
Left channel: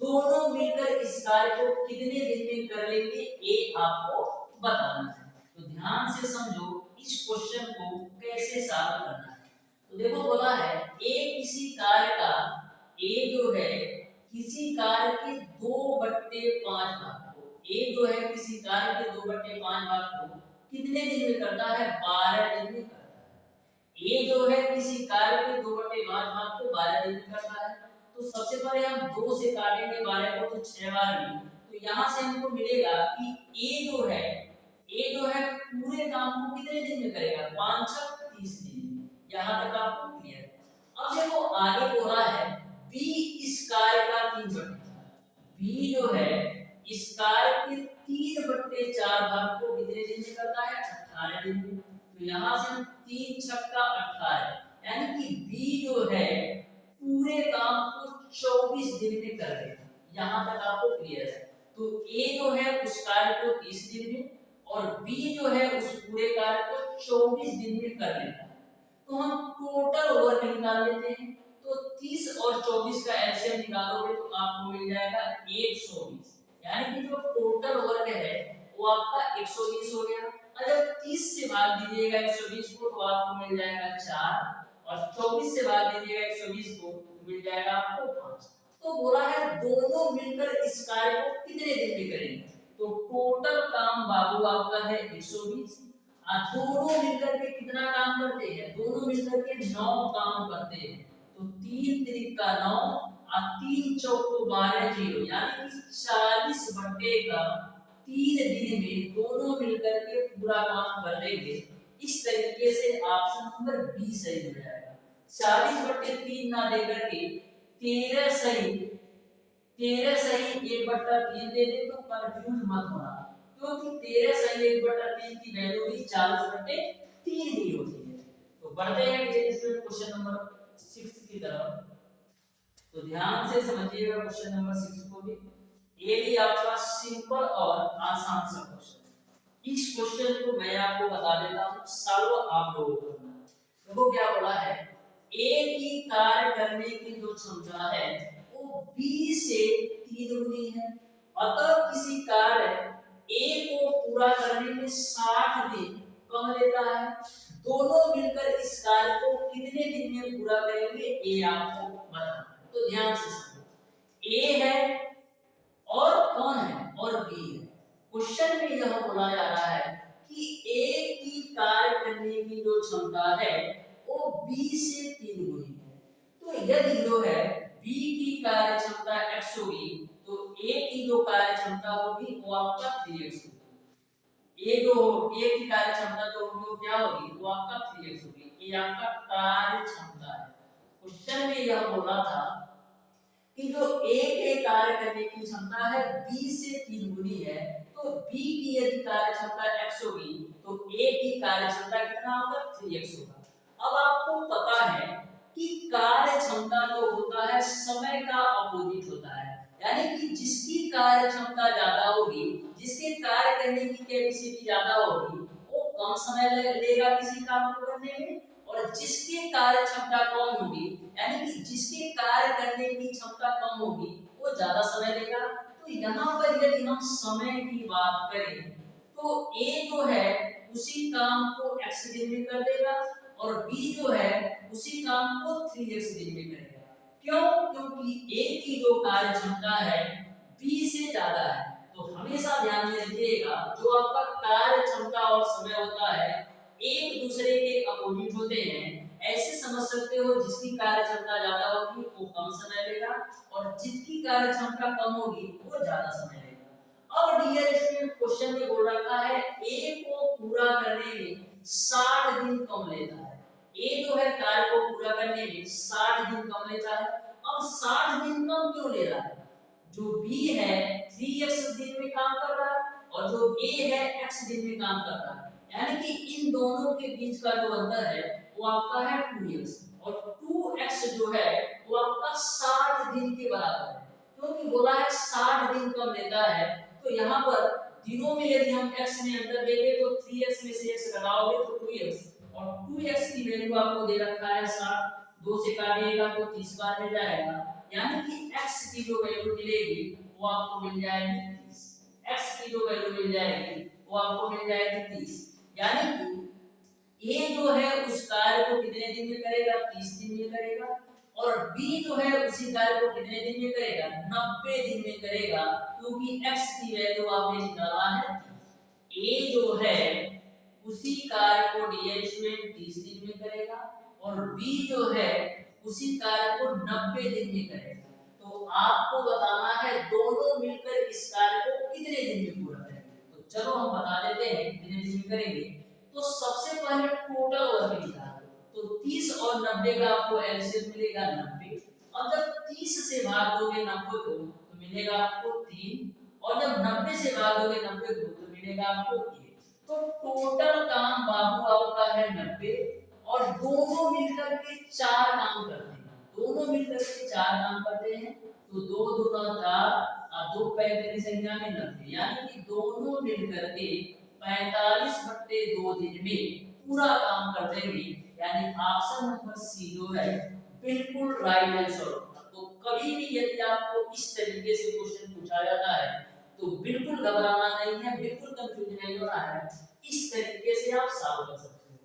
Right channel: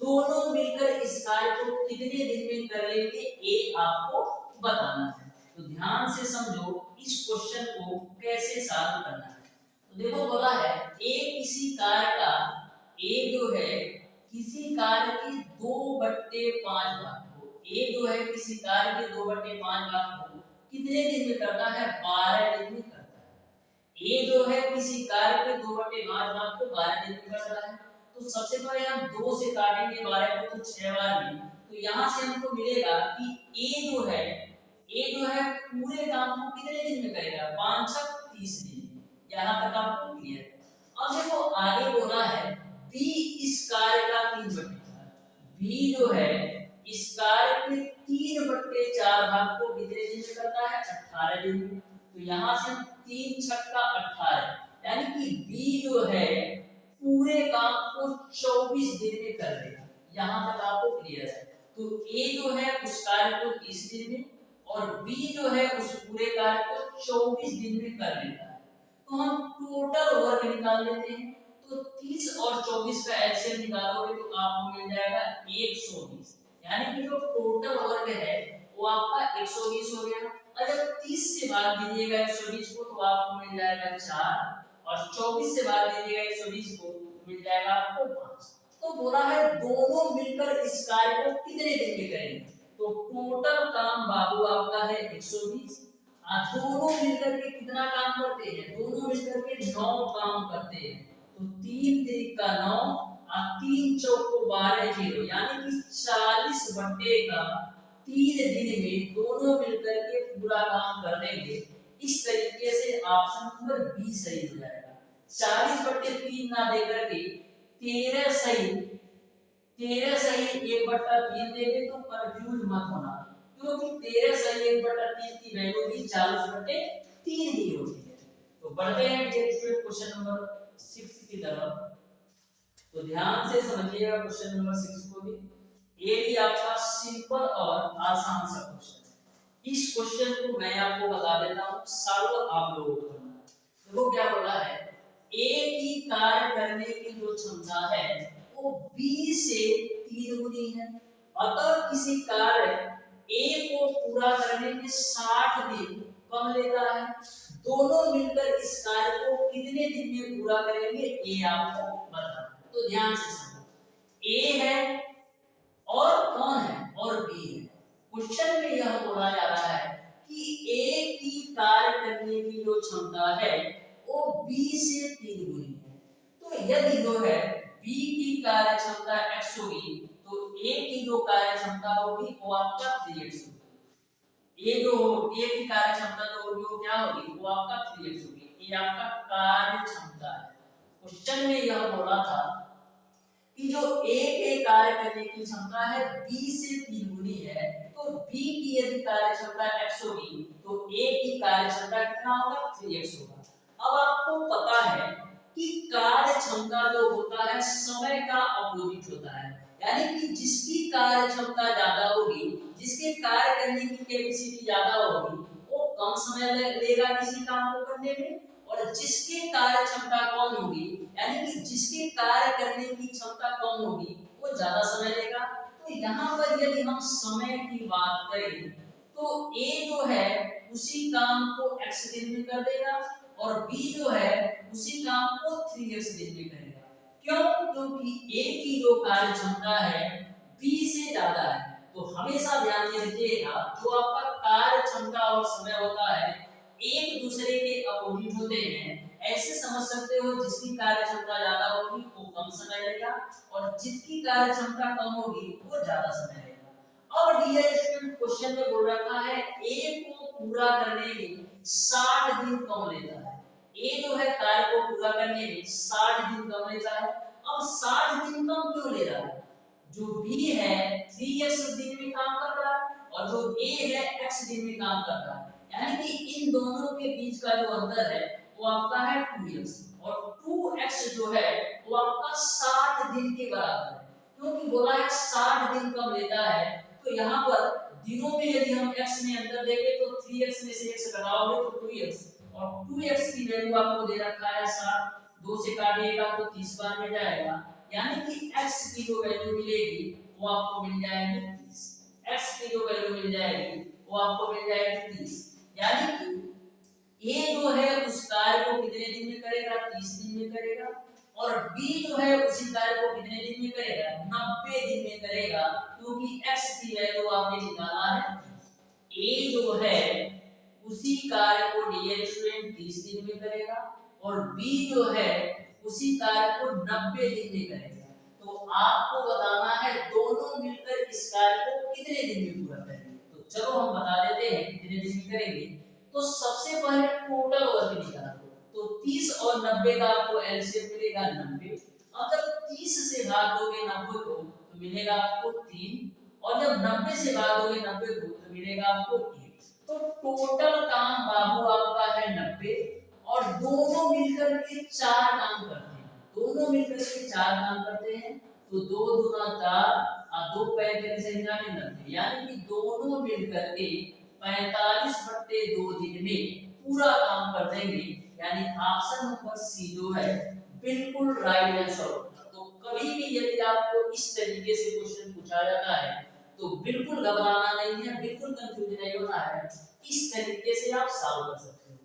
दोनों मिलकर इस कार्य को कितने दिन में कर लेंगे ये आपको बताना है। तो ध्यान से समझो इस क्वेश्चन को कैसे सॉल्व करना है। तो देखो बोला है ए किसी कार्य का, ए जो है किसी कार्य के 2/5 भाग को, ए जो है किसी कार्य के 2/5 भाग को कितने दिन में करता है, 12 दिन में करता है। ए जो है किसी कार्य के 2/5 भाग को 12 दिन में करता है। तो सबसे पहले हम 2 से काटेंगे 12 को, तो 6 बार भी, तो यहाँ से हमको मिलेगा कि ए जो है पूरे काम को कितने दिन में करेगा, 5 6 30 दिन में। यहाँ तक आपको क्लियर है। अब देखो आगे बोला है बी इस कार्य का 3/4, बी जो है इस कार्य के 3/4 भाग को कितने दिन में करता है, 18 दिन में। तो यहाँ से हम 3 6 18, यानी कि बी जो है पूरे काम को 24 दिन में कर देगा। यहाँ तक आपको क्लियर है। तो ए जो है उस कार्य को 30 दिन में और बी जो है उस पूरे कार्य को 24 दिन में कर लेता है। तो हम टोटल वर्क निकाल लेते हैं। तो 30 और 24 का एलसीएम निकालोगे तो आपको मिल जाएगा 120, यानी कि जो टोटल वर्क है वो आपका 120 हो गया। और जब 30 से भाग दीजिएगा 120 को तो आपको मिल जाएगा 4 और 24 से भाग दीजिएगा 120 को तो मिल जाएगा आपको 5। तो बोला है दोनों मिलकर इस कार्य को कितने दिन में करेंगे। तो टोटल काम बाबू आपका है 120, दोनों मिलकर के कितना काम करते हैं, दोनों मिलकर के 9 काम करते हैं। तो 3 3 का 9 और 3 चौक को 12 0, यानी कि 40/3 दिन में दोनों मिलकर के पूरा काम कर देंगे। इस तरीके से ऑप्शन नंबर बी सही हो जाएगा। 40/3 ना देकर के 13 सही 1/3 दे दे तो कंफ्यूज मत होना, क्योंकि 13 सही 1/3 की वैल्यू भी 40/3 ही होती है। तो बढ़ते हैं क्वेश्चन नंबर 6 की तरफ। तो ध्यान से समझिएगा क्वेश्चन नंबर 6 को भी, ये भी आपका सिंपल और आसान सा क्वेश्चन है। इस क्वेश्चन को मैं आपको बता देता हूँ, सॉल्व आप लोगों को करना है। देखो क्या बोला है, ए की कार्य करने की जो क्षमता है वो बी से 3 गुनी है। अतः किसी कार्य ए को पूरा करने में 60 दिन कम लेता है। दोनों मिलकर इस कार्य को कितने दिन में पूरा करेंगे ये आपको बताना है। तो ध्यान से समझो, ए है और कौन है, और बी है। क्वेश्चन में यह बोला जा रहा है कि ए की कार्य करने की जो क्षमता है वो बी से 3 गुनी है। तो यदि जो है बी की कार्य क्षमता x होगी तो ए की जो कार्य क्षमता होगी वो आपका 3x होगी। ए की कार्य क्षमता जो होगी वो क्या होगी, वो आपका 3x होगी। ये आपका कार्य क्षमता है। क्वेश्चन में यह बोला था कि जो ए के कार्य करने की क्षमता है बी से 3 गुनी है, तो बी की यदि कार्य क्षमता x होगी तो ए की कार्य क्षमता कितना होगा, 3x होगा। अब आपको पता है कि कार्य क्षमता जो होता है समय का अपोजिट होता है, यानी कि जिसकी कार्य क्षमता ज्यादा होगी, जिसके कार्य करने की कैपेसिटी ज्यादा होगी वो कम समय लेगा किसी काम को करने में, और जिसकी कार्य क्षमता कम होगी, यानी कि जिसके कार्य करने की क्षमता कम होगी वो ज्यादा समय लेगा। तो यहाँ पर यदि हम समय की बात करें तो ए जो है उसी काम को x दिन में कर देगा और बी जो है उसी काम को 3x दिन में करेगा। क्यों, क्योंकि ए की जो कार्य क्षमता है बी से ज्यादा है। तो हमेशा ध्यान में रखिएगा जो आपका कार्य क्षमता और समय होता है एक दूसरे के अपोजिट होते हैं। ऐसे समझ सकते हो जिसकी कार्य क्षमता ज्यादा होगी वो कम समय लेगा और जिसकी कार्य क्षमता कम होगी वो ज्यादा समय लेगा। अब डियर स्टूडेंट क्वेश्चन में बोल रखा है ए को पूरा करने में 60 दिन कम लेता है। ए जो है कार्य को पूरा करने में 60 दिन कम लेता है। अब 60 दिन कम क्यों ले रहा है? जो बी है 3x दिन में काम कर रहा है और जो ए है x दिन में काम कर रहा है, यानी कि इन दोनों के बीच का जो अंतर है वो आपका है 2x, और 2x जो है वो आपका 60 दिन के बराबर है। क्योंकि बोला है 60 दिन कम लेता है, तो यहाँ पर दिनों में यदि हम x में अंतर देंगे तो 3x में से x घटाओगे तो 2x, और 2x की वैल्यू आपको दे रखा है 60, 2 से काटिएगा तो 30 बार में जाएगा, यानी कि x की जो वैल्यू मिलेगी वो आपको मिल जाएगी 30। x की जो वैल्यू मिल जाएगी वो आपको मिल जाएगी 30, यानी कि a जो है उस कार्य को कितने दिन में करेगा? 30 दिन में करेगा, और b जो है उसी कार्य को कितने दिन में करेगा? 90 दिन में करेगा, क्योंकि x की वैल्यू आपने निकाला है। a जो है उसी कार्य को डियर स्टूडेंट 30 दिन में करेगा और b जो है उसी कार्य को 90 दिन में करेगा। तो आपको बताना है दोनों मिलकर इस कार्य को कितने दिन में पूरा करेंगे। तो चलो हम बता देते हैं कितने दिन में करेंगे। तो सबसे पहले टोटल वर्क निकाल दो, तो 30 और 90 का आपको एलसीएम मिलेगा 90। अब जब 30 से भाग दोगे 90 को तो मिलेगा आपको 3, और जब 90 से भाग दोगे 90 को तो मिलेगा आपको 1। तो टोटल काम बाबू आपका है 90, और दोनों मिलकर के 4 काम करते हैं। दोनों मिलकर के 4 काम करते हैं, तो 2 दूना 4 और 2 45 में 90, यानी कि दोनों मिलकर के 45/2 दिन में पूरा काम कर देंगे, यानी ऑप्शन नंबर सी जो है बिल्कुल राइट आंसर होगा। तो कभी भी यदि आपको इस तरीके से क्वेश्चन पूछा जाता है तो बिल्कुल घबराना नहीं है, बिल्कुल कंफ्यूज नहीं होना है, इस तरीके से आप सॉल्व कर सकते हो।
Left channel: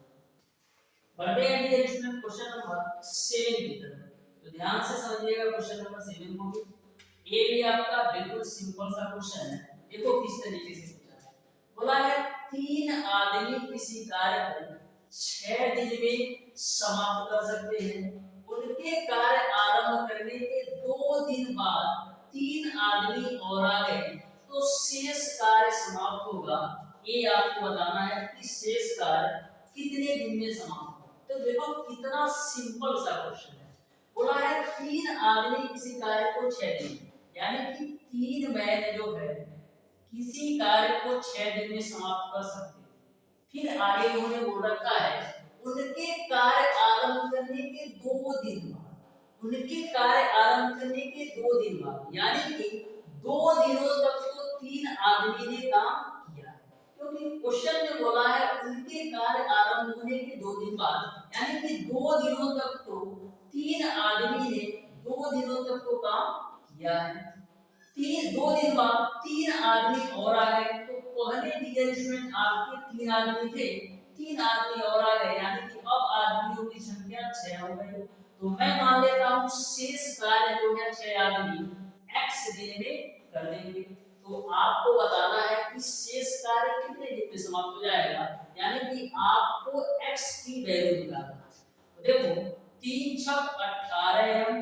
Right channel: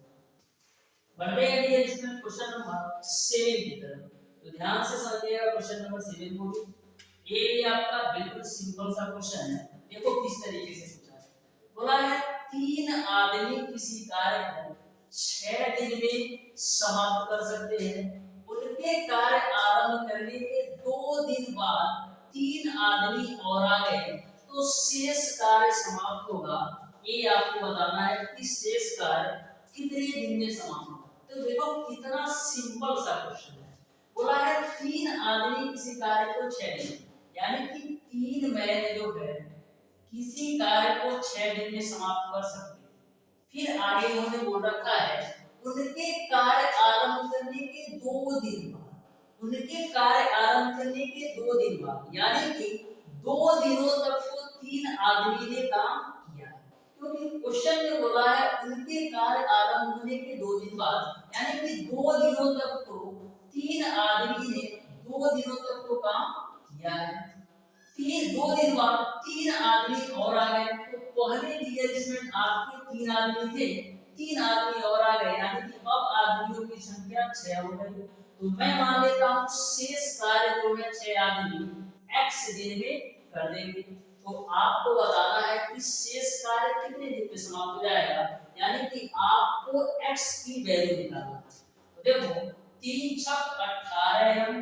बढ़ते हैं डियर स्टूडेंट क्वेश्चन नंबर 7 की तरफ। तो ध्यान से समझिएगा क्वेश्चन नंबर 7 को भी। ये भी आपका बिल्कुल सिंपल सा क्वेश्चन है। देखो किस तरीके से पूछा है। बोला है 3 आदमी किसी कार्य को 6 दिन में समाप्त कर सकते हैं। उनके कार्य आरंभ करने के 2 दिन बाद 3 आदमी और आ गए तो शेष कार्य समाप्त होगा। ये आपको बताना है कि शेष कार्य कितने दिन में समाप्त होगा। तो देखो कितना सिंपल सा क्वेश्चन है। बोला है 3 आदमी किसी कार्य को 6 दिन, यानी कि 3 मैन जो है किसी कार्य को 6 दिन में समाप्त कर सकते हैं। फिर आगे उन्होंने बोल रखा है उनके कार्य आरंभ करने के 2 दिन बाद, उनके कार्य आरंभ करने के 2 दिन बाद, यानी कि 2 दिनों तक तो 3 आदमी ने काम किया है। क्योंकि क्वेश्चन में बोला है उनके कार्य आरंभ होने के 2 दिन बाद, यानी कि 2 दिनों तक तो 3 आदमी ने 2 दिनों तक तो काम किया है। 2 दिन बाद 3 आदमी और आ गए, तो पहले डियर स्टूडेंट आपके 3 आदमी थे, 3 आदमी और आ गए, यानी कि अब आदमियों की संख्या 6 हो गई। तो मैं मान लेता हूं शेष कार्य जो है 6 आदमी x दिन में कर देंगे। तो आपको बताना है कि शेष कार्य कितने दिन में समाप्त हो जाएगा, यानी कि आपको x की वैल्यू निकालना है। तो देखो 3 छक 18m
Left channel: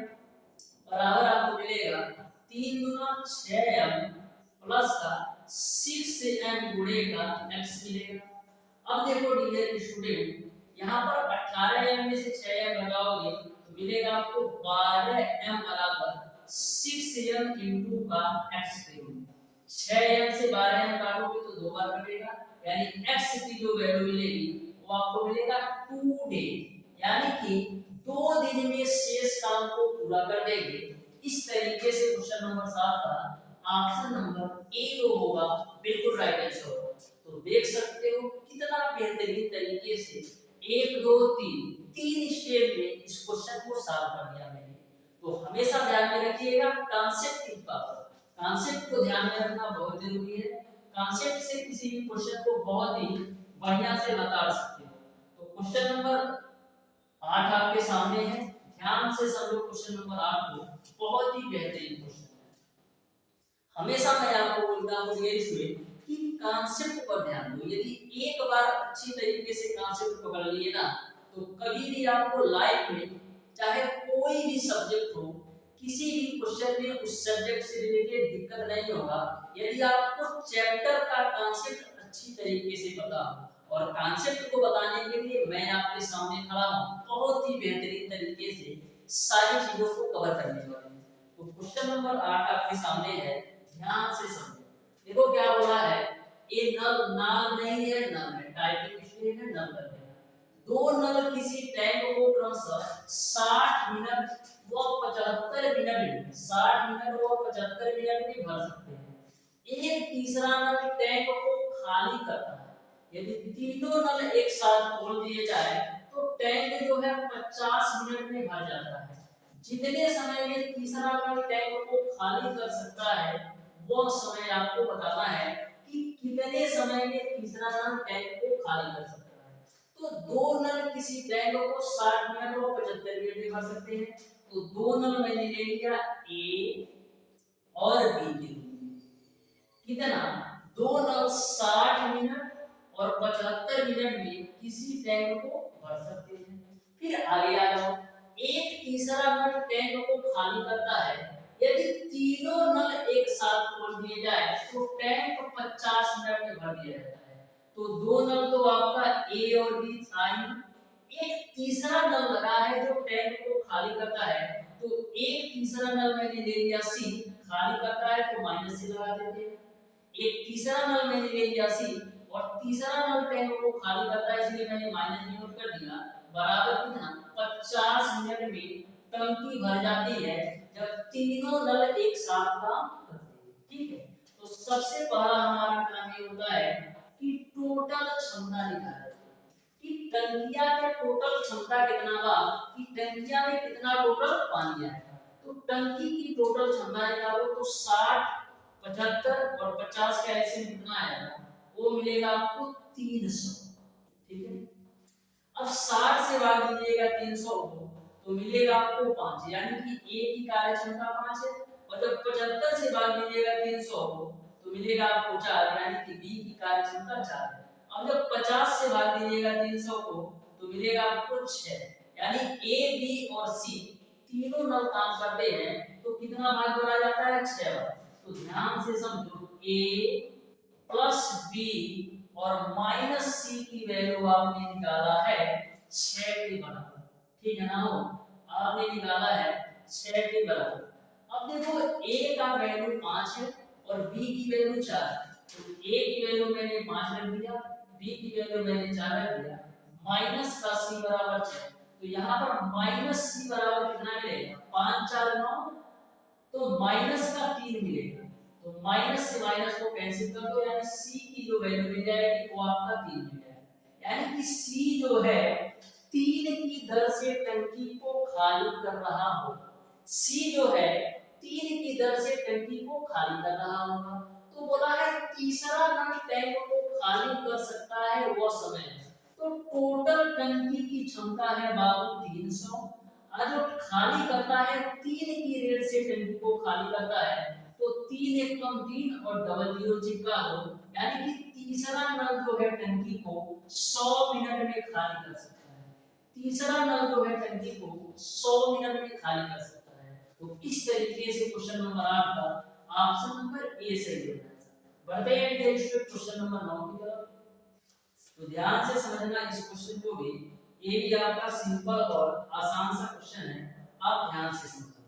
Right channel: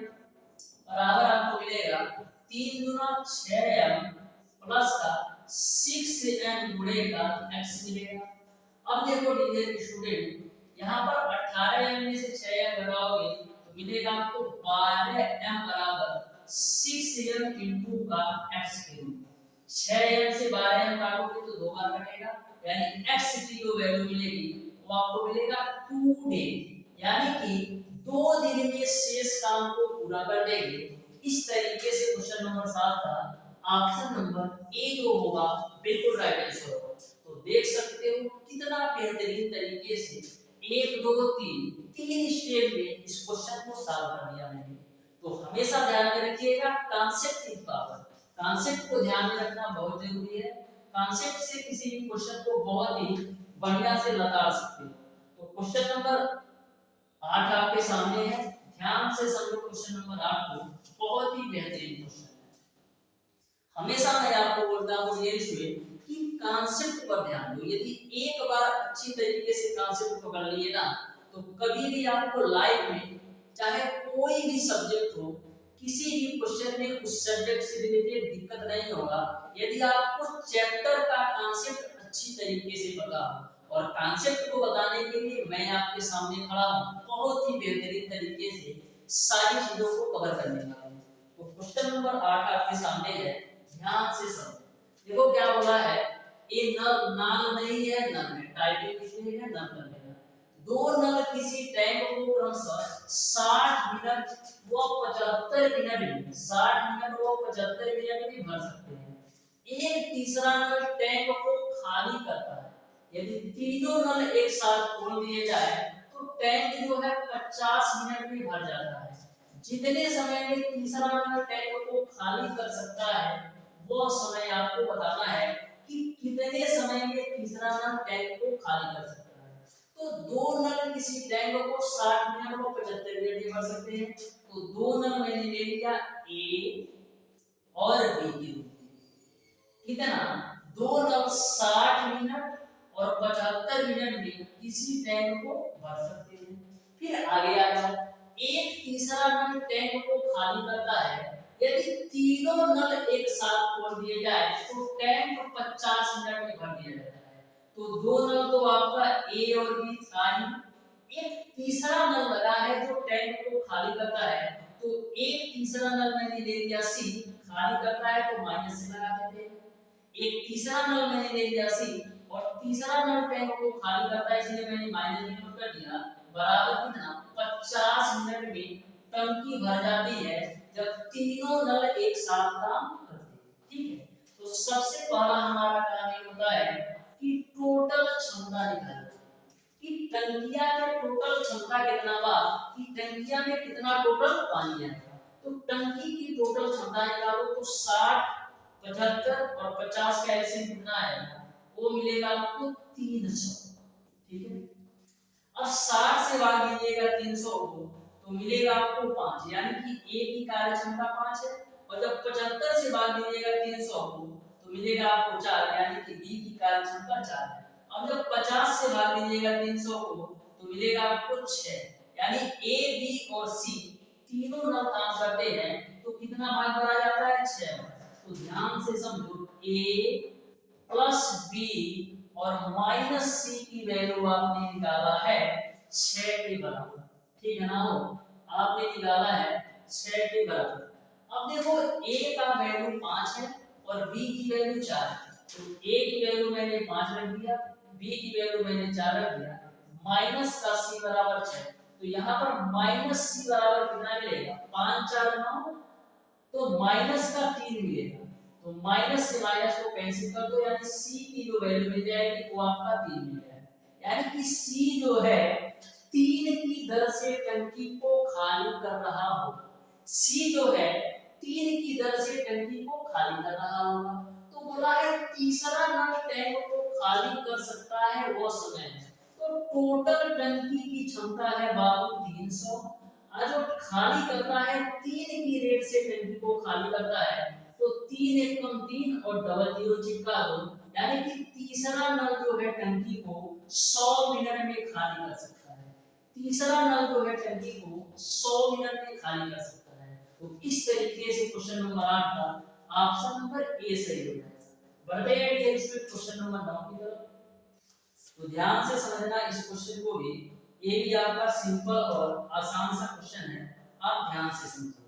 बराबर आपको मिलेगा 3 दूना 6m प्लस का 6m गुणे का x मिलेगा। अब देखो डियर स्टूडेंट यहाँ पर 18m में से 6m घटाओगे तो मिलेगा आपको 12m बराबर 6m इंटू का x के रूप में। 6m से 12m काटोगे तो 2 बार कटेगा, यानी x की जो वैल्यू मिलेगी वो आपको मिलेगा 2 डे, यानी कि 2 दिन में शेष काम को पूरा कर देंगे। इस तरीके से क्वेश्चन नंबर 7 का ऑप्शन नंबर ए जो होगा बिल्कुल राइट आंसर होगा। तो देख सकते हो कितना बेहतरीन तरीके से 1 2 3 स्टेप में इस क्वेश्चन को सॉल्व कर दिया मैंने। तो हमेशा ध्यान में रखिएगा कांसेप्ट इज पावर, कांसेप्ट को ध्यान में रखना बहुत जरूरी है। कांसेप्ट से किसी भी क्वेश्चन को बहुत ही बढ़िया से लताड़ सकते हो। तो क्वेश्चन नंबर 8 आपके सामने है, ध्यान से समझो क्वेश्चन नंबर 8 को, बहुत ही बेहतरीन क्वेश्चन है। हमेशा मैं आपको बोलता हूं ये स्टूडेंट कि कांसेप्ट पर ध्यान दो। यदि एक बार अच्छी तरीके से कांसेप्ट पकड़ लिए ना तो कभी भी आपको लाइफ में चाहे कोई भी सब्जेक्ट हो किसी भी क्वेश्चन में उस सब्जेक्ट से रिलेटेड दिक्कत नहीं होगा यदि आपको चैप्टर का कॉन्सेप्ट अच्छी तरीके से पता हो। और कॉन्सेप्ट को बताने के लिए मैं आपके सामने खड़ा हूँ, बहुत ही बेहतरीन तरीके से सारी चीजों को कवर करने वाले हैं। तो क्वेश्चन नंबर 8 आपके सामने है, ध्यान से समझो। देखो क्या बोला है, ये नल नाल नहीं है, नल है, टाइपिंग इसलिए है, नल कर देना। दो नल किसी टैंक को क्रमशः 60 मिनट व 75 मिनट में 60 मिनट व 75 मिनट में भर सकते हैं। एक तीसरा नल टैंक को खाली करता है। यदि तीनों नल एक साथ खोल दिए जाए तो टैंक जो है 50 मिनट में भर जाता है। जितने समय में तीसरा नल टैंक को खाली कर सकता है वो समय आपको बताना है कि कितने समय में तीसरा नल टैंक को खाली कर सकता है। तो दो नल किसी टैंक को 60 मिनट और 75 मिनट में भर सकते हैं। तो दो नल मैंने ले लिया ए और बी के रूप में। कितना? दो नल 60 मिनट और 75 मिनट में किसी टैंक को भर सकते हैं। फिर आगे आ जाओ, एक तीसरा नल टैंक को खाली करता है। यदि तीनों नल एक साथ खोल दिए जाए तो टैंक 50 मिनट में भर दिया जाता है। तो दो नल तो आपका ए और बी था ही, एक तीसरा नल लगा है जो टैंक को खाली करता है। तो एक तीसरा नल मैंने ले लिया सी, खाली करता है तो माइनस से लगा देते हैं। एक तीसरा नल मैंने ले लिया सी और तीसरा नल टैंक को खाली करता है, इसलिए मैंने माइनस में नोट कर दिया। बराबर कितना? 50 मिनट में टंकी भर जाती है जब तीनों नल एक साथ काम करते हैं। ठीक है, तो सबसे पहला हमारा काम ये होता है कि टोटल क्षमता निकालना कि टंकिया का टोटल क्षमता कितना बा, कि टंकिया में कितना टोटल पानी आएगा। तो टंकी की टोटल क्षमता निकालो तो 60, 75 और 50 का एलसीएम कितना आएगा, वो मिलेगा आपको 300। ठीक है, अब 60 से भाग दीजिएगा 300 को तो मिलेगा आपको 5, यानी कि ए की कार्य क्षमता 5 है। और जब 75 से भाग दीजिएगा 300 को तो मिलेगा आपको 4, यानी कि बी की कार्य क्षमता 4 है। अब जब 50 से भाग दीजिएगा 300 को तो मिलेगा आपको 6, यानी ए बी और सी तीनों नल काम करते हैं तो कितना भाग भरा जाता है? 6 भाग। तो ध्यान से समझो, ए प्लस बी और माइनस सी की वैल्यू आपने निकाला है 6 के बराबर। ठीक है ना, हो आपने निकाला है 6 के बराबर। अब देखो a का वैल्यू 5 है और b की वैल्यू 4 है। तो a की वैल्यू मैंने 5 रख दिया, b की वैल्यू मैंने 4 रख दिया, माइनस का c बराबर 6। तो यहाँ पर माइनस c बराबर कितना मिलेगा? 5 4 9, तो माइनस का 3 मिलेगा। तो माइनस से माइनस को कैंसिल कर दो, यानी c की जो वैल्यू मिल जाएगी वो आपका 3 मिल जाएगा। यानी कि c जो है 3 की दर से टंकी को खाली कर रहा हो। c जो है 3 की दर से टंकी को खाली कर रहा होगा। तो बोला है तीसरा नल टैंक को खाली कर सकता है वो समय है। तो टोटल टंकी की क्षमता है बाबू 300, और जो खाली करता है 3 की रेट से टंकी को खाली करता है। तो 3 1 कम 3 और डबल जीरो चिपका दो, यानी कि तीसरा नल जो है टंकी को 100 मिनट में खाली कर सकता है। तीसरा नल जो है टंकी को 100 मिनट में खाली कर सकता है। तो इस तरीके से क्वेश्चन नंबर 8 का ऑप्शन नंबर ए सही होगा। बढ़ते हैं डिटेल्स में क्वेश्चन नंबर 9 की तरफ। तो ध्यान से समझना इस क्वेश्चन को भी, ये भी आपका सिंपल और आसान सा क्वेश्चन है, आप ध्यान से समझो।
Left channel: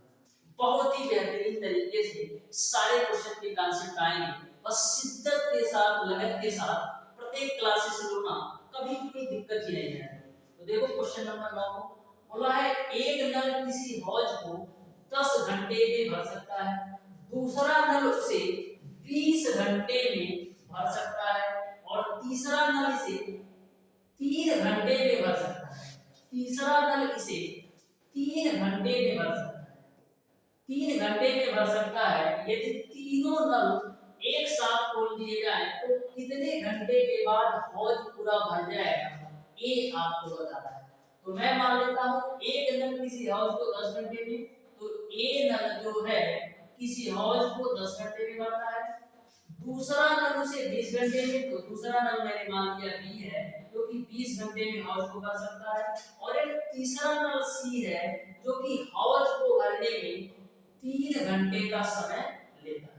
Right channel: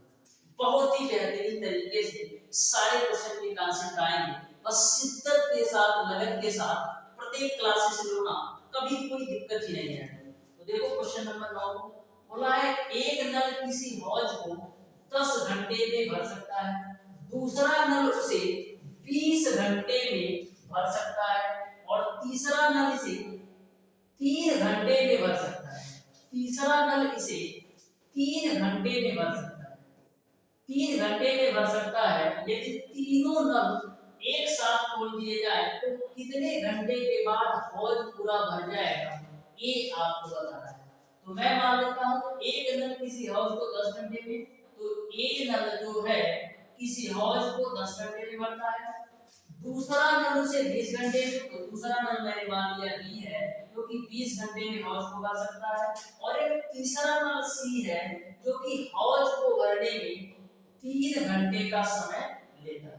बहुत ही बेहतरीन तरीके से सारे क्वेश्चन के कॉन्सेप्ट आएंगे, बस शिद्दत के साथ, लगन के साथ प्रत्येक क्लासेस लो ना, कभी कोई दिक्कत ही नहीं है। तो देखो क्वेश्चन नंबर 9 बोला है एक नल किसी हौज को 10 घंटे में भर सकता है, दूसरा नल उसे 20 घंटे में भर सकता है और तीसरा नल इसे 3 घंटे में भर सकता है। तीसरा नल इसे 3 घंटे में भर सकता है। 3 घंटे में भर सकता है। यदि तीनों नल एक साथ खोल दिए जाए तो कितने घंटे के बाद हौज पूरा भर जाएगा, ये आपको बताना है। तो मैं मान लेता हूँ एक नल किसी हौज को 10 घंटे में, तो ए नल जो है किसी हौज को 10 घंटे में भरता है। दूसरा नल उसे 20 घंटे में, तो दूसरा नल मैंने मान लिया बी है जो कि 20 घंटे में हौज को भर सकता है। और एक तीसरा नल सी है जो कि हौज को भरने में 3 घंटे का समय लेता है।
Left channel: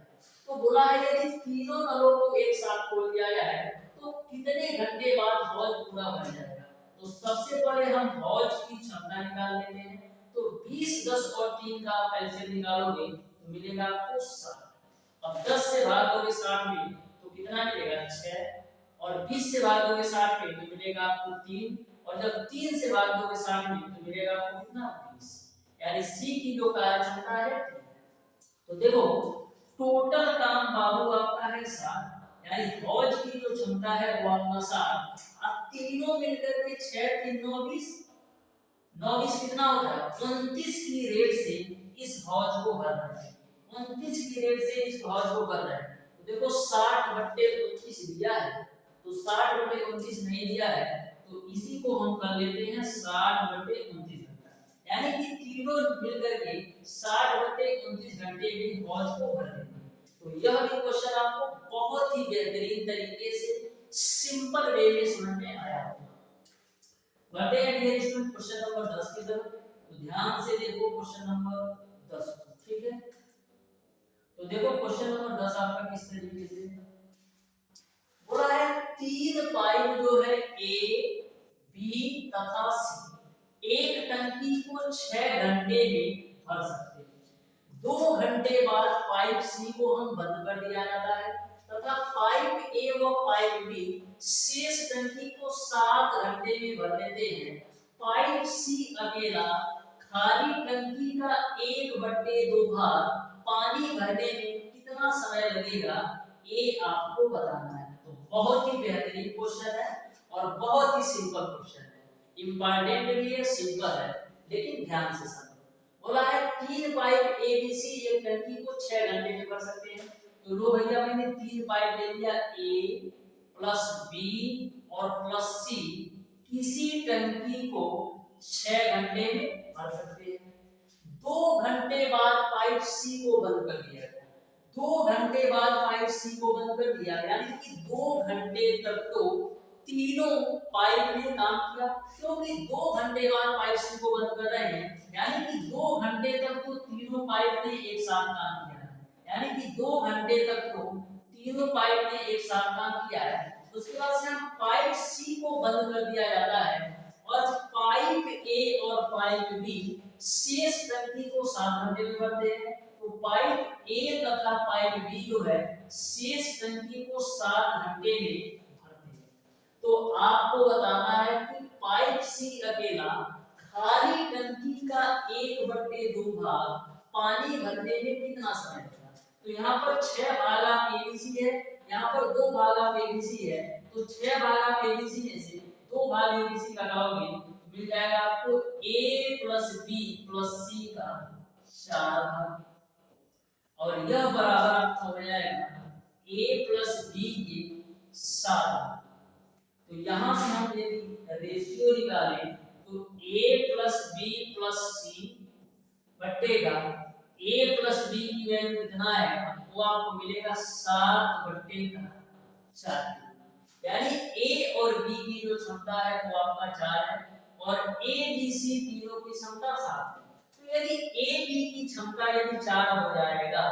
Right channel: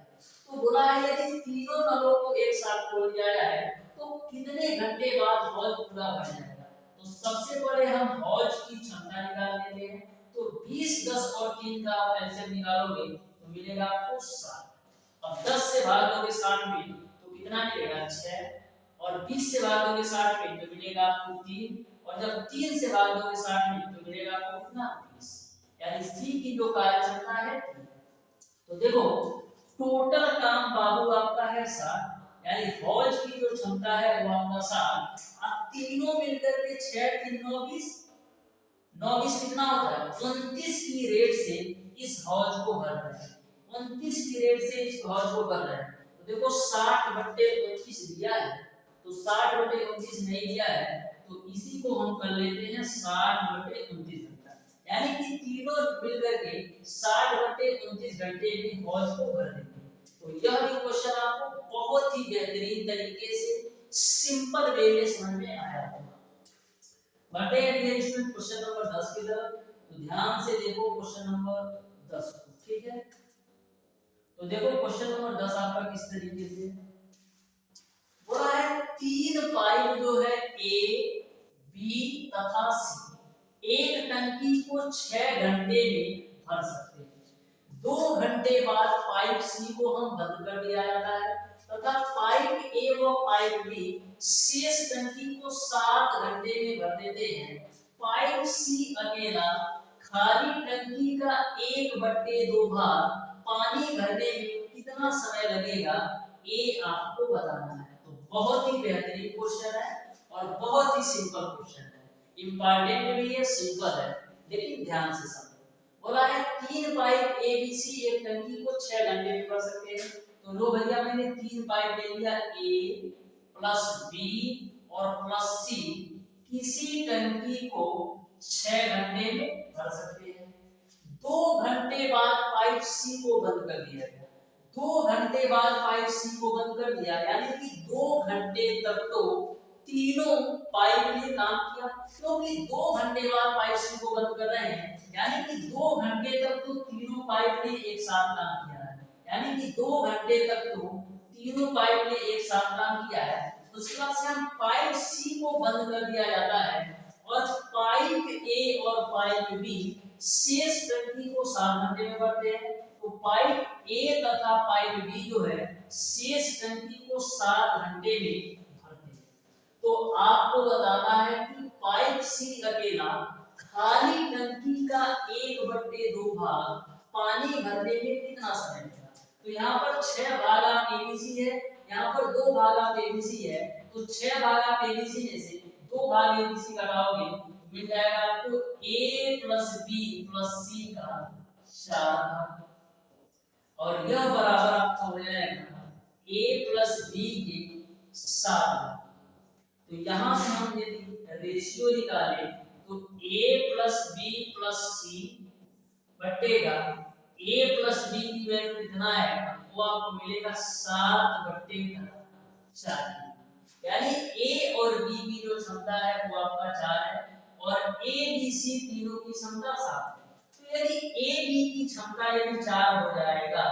तो बोला है यदि तीनों नलों को एक साथ खोल दिया जाए तो कितने घंटे बाद हौज पूरा भर जाएगा। तो सबसे पहले हम हौज की क्षमता निकाल लेते हैं। तो 20, 10 और 3 का आप एलसीएम निकालोगे तो मिलेगा आपको 60। अब 10 से भाग दोगे 60 में तो कितना मिलेगा 6, और 20 से भाग दोगे 60 में तो मिलेगा आपको 3, और जब 3 से भाग दोगे 60 में तो मिलेगा आपको कितना 20। यानी सी की जो कार्य क्षमता है 3। तो देखो टोटल काम बाबू आपका है 60, यानी हौज की जो क्षमता है वो आपका 60। अब तीनों मिलकर के 6 3 9 20, 9 20 कितना होता है 29 की रेट से इस हौज को भर रहे हैं। 29 की रेट से इस हौज को भर रहे हैं। तो देखो 60 बट्टे 29 दिया है, तो 60 बट्टे 29 नहीं दिया है तो इसी को हम कर लेते हैं 60 बट्टे 29 घंटा, यानी कि तीनों मिलकर के 60 बट्टे 29 घंटे में हौज को भर देंगे। तो यह भी क्वेश्चन आपको बहुत ही बेहतरीन तरीके से सिंपल वे में समझ में आया होगा। बढ़ते हैं डियर स्टूडेंट क्वेश्चन नंबर 10 की तरफ। तो ध्यान से देखो क्वेश्चन नंबर 10 को, ठीक है। तो देखो क्वेश्चन नंबर 10 आपका किस तरीके से बोला है, 3 पाइप जो है ए, बी तथा सी एक टंकी को 6 घंटे में भर सकते हैं। 2 घंटे बाद पाइप सी को हम बंद कर दिया जाता है तथा पाइप ए व पाइप बी शेष टंकी को 7 घंटे में भर देते हैं। पाइप सी अकेला खाली टंकी का 1/2 भाग पानी भरने में कितना समय लगेगा ये आपको बताना है। तो बहुत ही बेहतरीन क्वेश्चन है और बहुत ही सिंपल क्वेश्चन है, इंपॉर्टेंट भी है, सिंपल है, लेकिन ध्यान से समझो। बोला है 3 पाइप ए बी सी एक टंकी को 6 घंटे में भर सकते हैं। तो लो भैया मैंने 3 पाइप ले लिया, ए प्लस बी और प्लस सी किसी टंकी को 6 घंटे में भर सकते हैं। 2 घंटे बाद पाइप सी को बंद कर दिया गया। 2 घंटे बाद पाइप सी को बंद कर दिया, यानी कि 2 घंटे तक तो तीनों पाइप ने काम किया, क्योंकि 2 घंटे बाद पाइप सी को बंद कर रहे हैं, यानी कि 2 घंटे तक तो तीनों पाइप ने एक साथ काम किया है, यानी कि 2 घंटे तक तो तीनों पाइप ने एक साथ काम किया है। उसके बाद से हम पाइप सी को बंद कर दिया जाता है और पाइप ए और पाइप बी शेष टंकी को 7 घंटे में भरते हैं। तो पाइप ए तथा पाइप बी जो है शेष टंकी को 7 घंटे में भरते हैं। तो आपको बताना है कि पाइप सी अकेला खाली टंकी का 1/2 भाग पानी भरने में कितना समय लगेगा। तो यहाँ पर 6 भाग आप एबीसी है, यहाँ पर 2 भाग आप एबीसी है, तो 6 भाग आप एबीसी में से 2 भाग एबीसी घटाओगे मिल जाएगा आपको a प्लस बी प्लस सी का 4 भाग, और यह बराबर आपका हो जाएगा a प्लस बी के 7 भाग। तो यहां से हम यदि रेशियो निकालें तो a plus B plus C बटेगा a प्लस बी की वैल्यू कितना है वो आपको मिलेगा 7/4, यानी a और b की जो क्षमता है वो आपका 4 है और a b c तीनों की क्षमता 7 है। तो यदि a b की क्षमता यदि 4 हो जाएगा,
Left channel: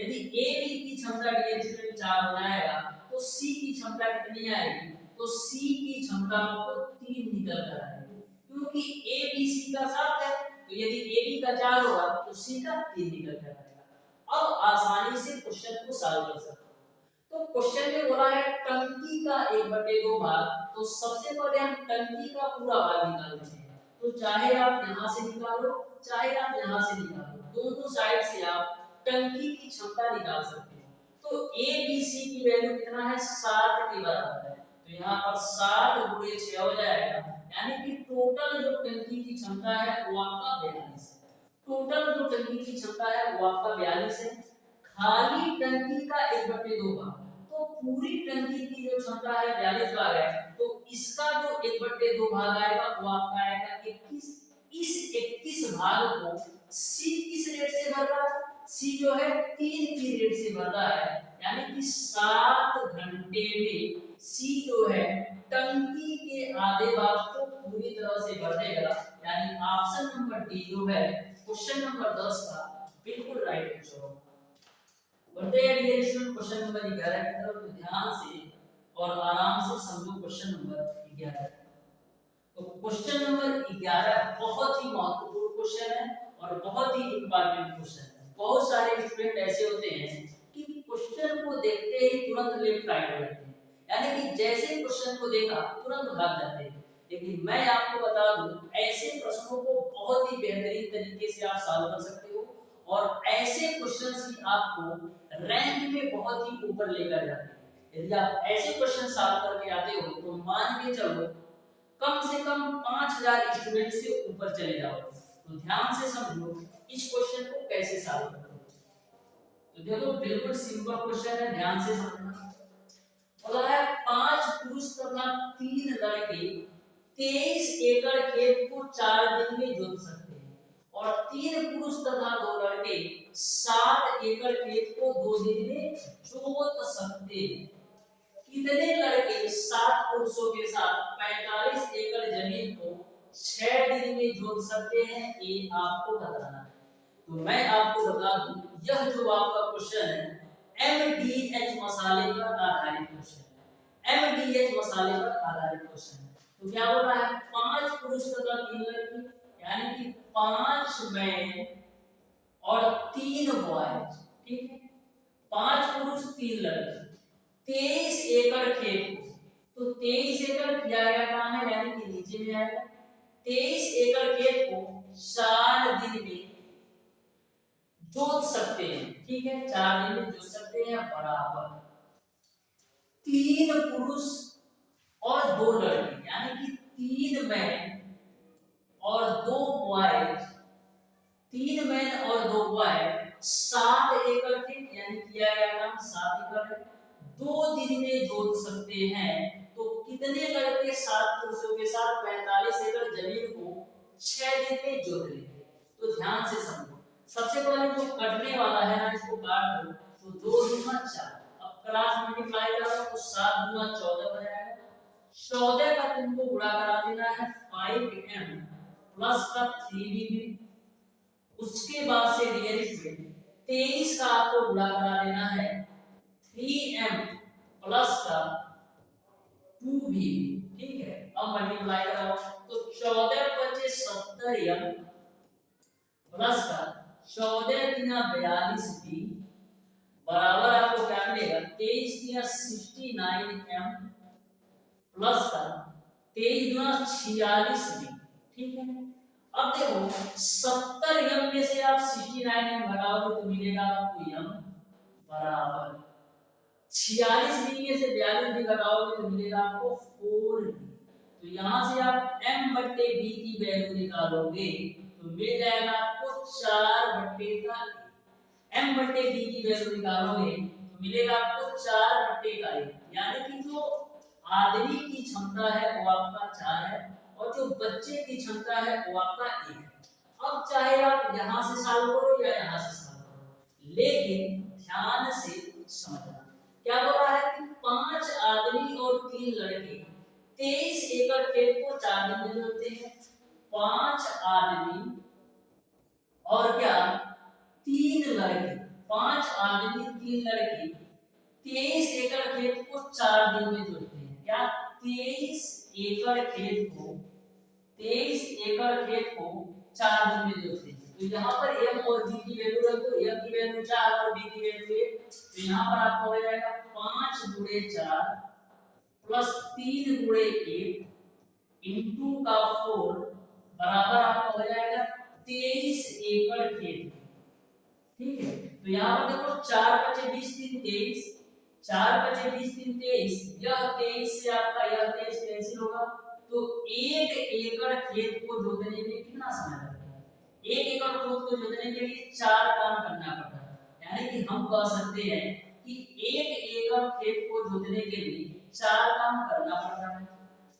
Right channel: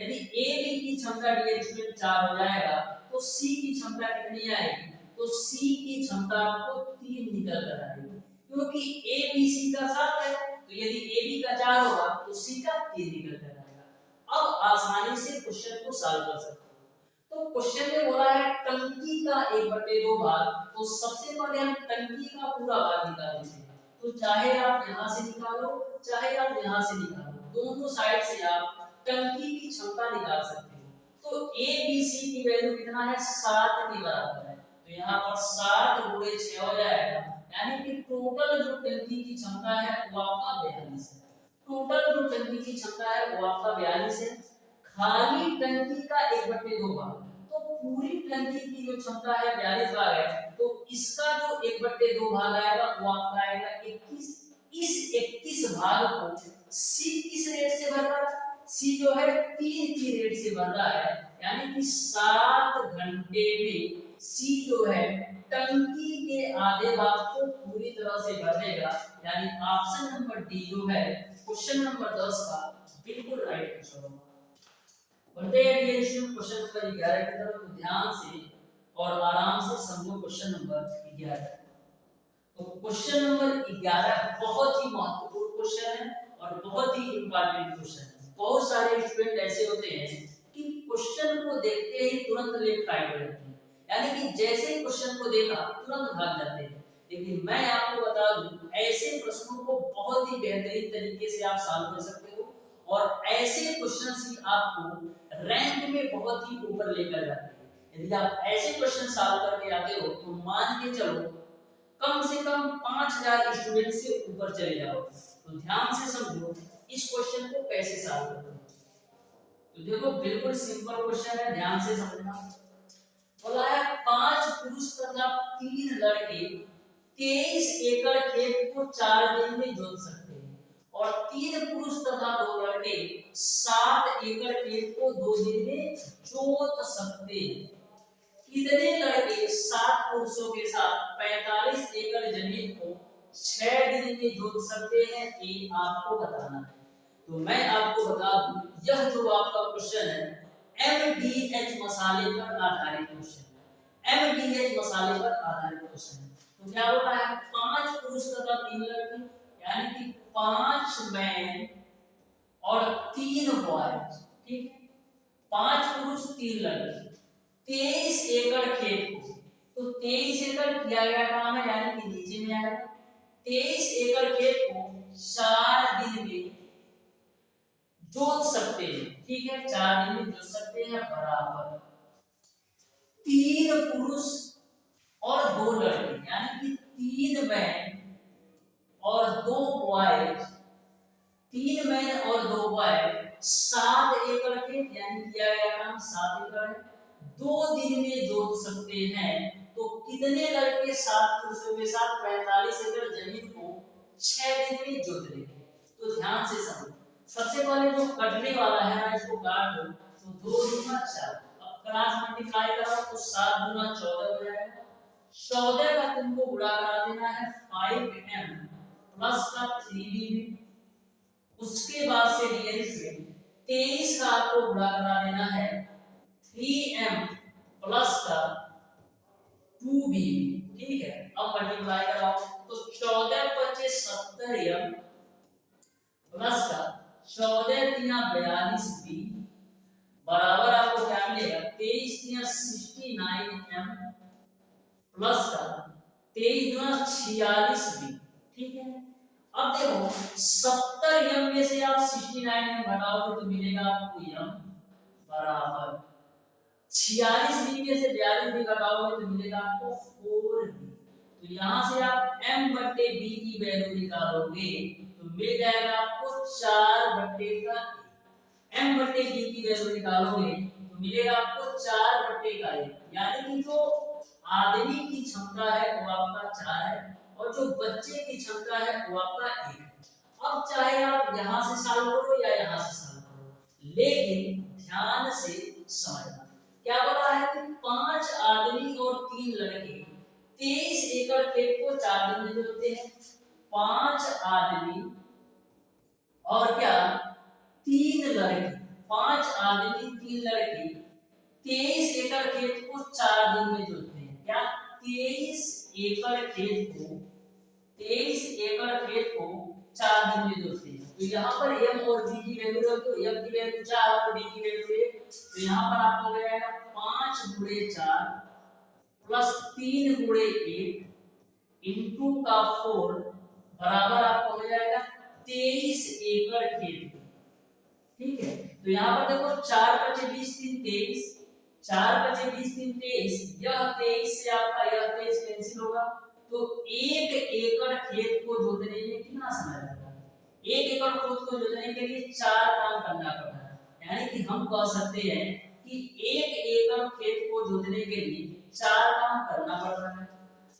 यदि a b की क्षमता डियर स्टूडेंट 4 हो जाएगा तो c की क्षमता कितनी आएगी, तो c की क्षमता आपको 3 निकल कर आएगी, क्योंकि a b c का 7 है, तो यदि a b का 4 होगा तो c का 3 निकल कर आएगा। अब आसानी से क्वेश्चन को सॉल्व कर सकते हो। तो क्वेश्चन में बोला है टंकी का 1/2 भाग, तो सबसे पहले हम टंकी का पूरा भाग निकाल लेते हैं। तो चाहे आप यहां से निकालो चाहे आप यहां से निकालो, दोनों साइड से आप टंकी की क्षमता निकाल सकते हैं। तो ए बी सी की वैल्यू कितना है 7 के बराबर है, तो यहाँ पर 7 गुणे 6 हो जाएगा, यानी कि टोटल जो टंकी की क्षमता है वो आपका 42 है। टोटल जो टंकी की क्षमता है वो आपका 42 है। खाली टंकी का 1/2 भाग, तो पूरी टंकी की जो क्षमता है 42 भाग है, तो इसका जो 1/2 भाग आएगा वो आपका आएगा 21। इस 21 भाग को सी किस रेट से भर रहा है, सी जो है 3 की रेट से भर रहा है, यानी कि 7 घंटे में सी जो है टंकी के आधे भाग को पूरी तरह से भर देगा, यानी ऑप्शन नंबर डी जो है क्वेश्चन नंबर 10 का बिल्कुल राइट आंसर होगा। बढ़ते हैं डियर स्टूडेंट क्वेश्चन नंबर 11 की तरफ। तो ध्यान से और आराम से समझो क्वेश्चन नंबर 11। तो क्वेश्चन नंबर 11 बहुत ही महत्वपूर्ण क्वेश्चन है और बहुत ही इंपॉर्टेंट क्वेश्चन है। बहुत सारे स्टूडेंट ऐसे होते हैं कि क्वेश्चन को देखते ही तुरंत लेफ्ट राइट हो जाते हैं, यानी कि जैसे ही क्वेश्चन को देखा तुरंत भाग जाते हैं। लेकिन मैं आपको बता दूं, ऐसे प्रश्नों को बहुत ही बेहतरीन तरीके से आप सॉल्व कर सकते हो और ऐसे क्वेश्चंस ही आपको रैंक में बहुत ही ऊपर लेकर जाते हैं। यदि आप ऐसे क्वेश्चन सॉल्व करके आते हो तो मान के चलो कम से कम 5000 स्टूडेंट से ऊपर चले जाओ। तो ध्यान से समझो इस क्वेश्चन को कैसे सॉल्व करते हैं। तो देखो बिल्कुल सिंपल क्वेश्चन है, ध्यान से समझना। बोला है 5 पुरुष तथा 3 लड़के 23 एकड़ खेत को 4 दिन में जोत सकते हैं और 3 पुरुष तथा 2 लड़के 7 एकड़ खेत को 2 दिन में जोत सकते हैं। कितने लड़के 7 पुरुषों के साथ 45 एकड़ जमीन को 6 दिन में जोत सकते हैं, ये आपको बताना है। तो मैं आपको बता दूं, यह जो आपका क्वेश्चन है एमडीएच मसाले पर आधारित क्वेश्चन है। एमडीएच मसाले पर आधारित क्वेश्चन है। तो क्या हो रहा है, 5 पुरुष तथा 3 लड़के, यानी कि 5 मैन और 3 बॉयज, ठीक है। 5 पुरुष 3 लड़के, 23 एकड़ खेत को, तो 23 एकड़ किया गया काम है, यानी कि नीचे में आएगा। 23 एकड़ खेत को 4 दिन में जोत सकते हैं, ठीक है, 4 दिन में जोत सकते हैं, बराबर 3 पुरुष और 2 लड़के, यानी कि 3 मैन और 2 बॉयज, 3 मैन और 2 बॉयज 7 एकड़ खेत, यानी किया गया काम 7 एकड़ है, 2 दिन में जोत सकते हैं। तो कितने लड़के 7 पुरुषों के साथ 45 एकड़ जमीन को 6 दिन में जोत लेंगे। तो ध्यान से समझो, सबसे पहले जो कटने वाला है ना, इसको काट दो, तो 2 दूना 4, अब क्रॉस मल्टीप्लाई करो तो 7 दूना 14 हो जाएगा। 14 का तुमको गुणा करा देना है 5m प्लस का 3b में। उसके बाद से डियर स्टूडेंट 23 का आपको गुणा करा देना है 3m प्लस का 2b, ठीक है। अब मल्टीप्लाई कराओ तो 14 बचे 70m प्लस का 14 तिया 42b बराबर आपको क्या मिलेगा, 23 तिया 69m प्लस का 23 गुना 46b, ठीक है। अब देखो 70m में से आप 69m घटाओगे तो मिलेगा आपको m बराबर 46b में से 42 भी घटाओगे तो मिलेगा आपको 4b। तो यहाँ से आप m बट्टे b की वैल्यू निकालोगे तो मिल जाएगा आपको 4 बट्टे का m बट्टे b की वैल्यू निकालोगे तो मिलेगा आपको 4 बट्टे का 1, यानी कि जो आदमी की क्षमता है वो आपका 4 है और जो बच्चे की क्षमता है वो आपका 1 है। अब चाहे आप यहाँ से सॉल्व करो या यहाँ से सॉल्व करो, लेकिन ध्यान से समझना क्या बोला है कि 5 आदमी और 3 लड़के 23 एकड़ खेत को 4 दिन में जोतते हैं। 5 आदमी और क्या 3 लड़के, 5 आदमी 3 लड़के 23 एकड़ खेत को 4 दिन में जोतते हैं। क्या 23 एकड़ खेत को 23 एकड़ खेत को 4 दिन में जोतते हैं। तो यहाँ पर m और b की वैल्यू रख दो, m की वैल्यू 4 और b की वैल्यू 1, तो यहाँ पर आपका हो जाएगा 5 गुणे 4 प्लस 3 गुणे 1 इनटू का 4 बराबर आपका हो जाएगा 23 एकड़ खेत, ठीक है। तो यहाँ पर देखो 4 बचे 20 3 23, 4 बचे 20 3 23, यह 23 से आपका यह 23 कैंसिल होगा, तो 1 एकड़ खेत को जोतने में कितना समय लगता है, 1 एकड़ खेत को जोतने के लिए 4 काम करना पड़ता है, यानी कि हम कह सकते हैं कि 1 एकड़ खेत को जोतने के लिए 4 काम करना पड़ता है।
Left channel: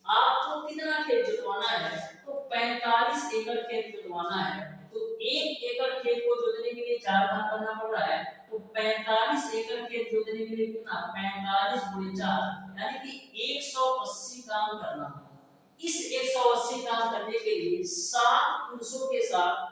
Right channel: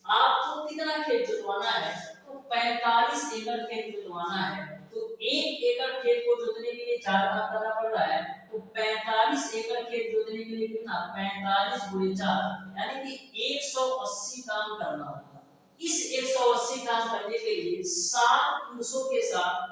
आपको कितना खेत जोतवाना है, तो 45 एकड़ खेत जोतवाना है, तो 1 एकड़ खेत को जोतने के लिए 4 काम करना पड़ रहा है, तो 45 एकड़ खेत जोतने के लिए कितना 45 गुणे 4 यानी कि 180 काम करना होगा। इस 180 काम करने के लिए 7 पुरुषों के साथ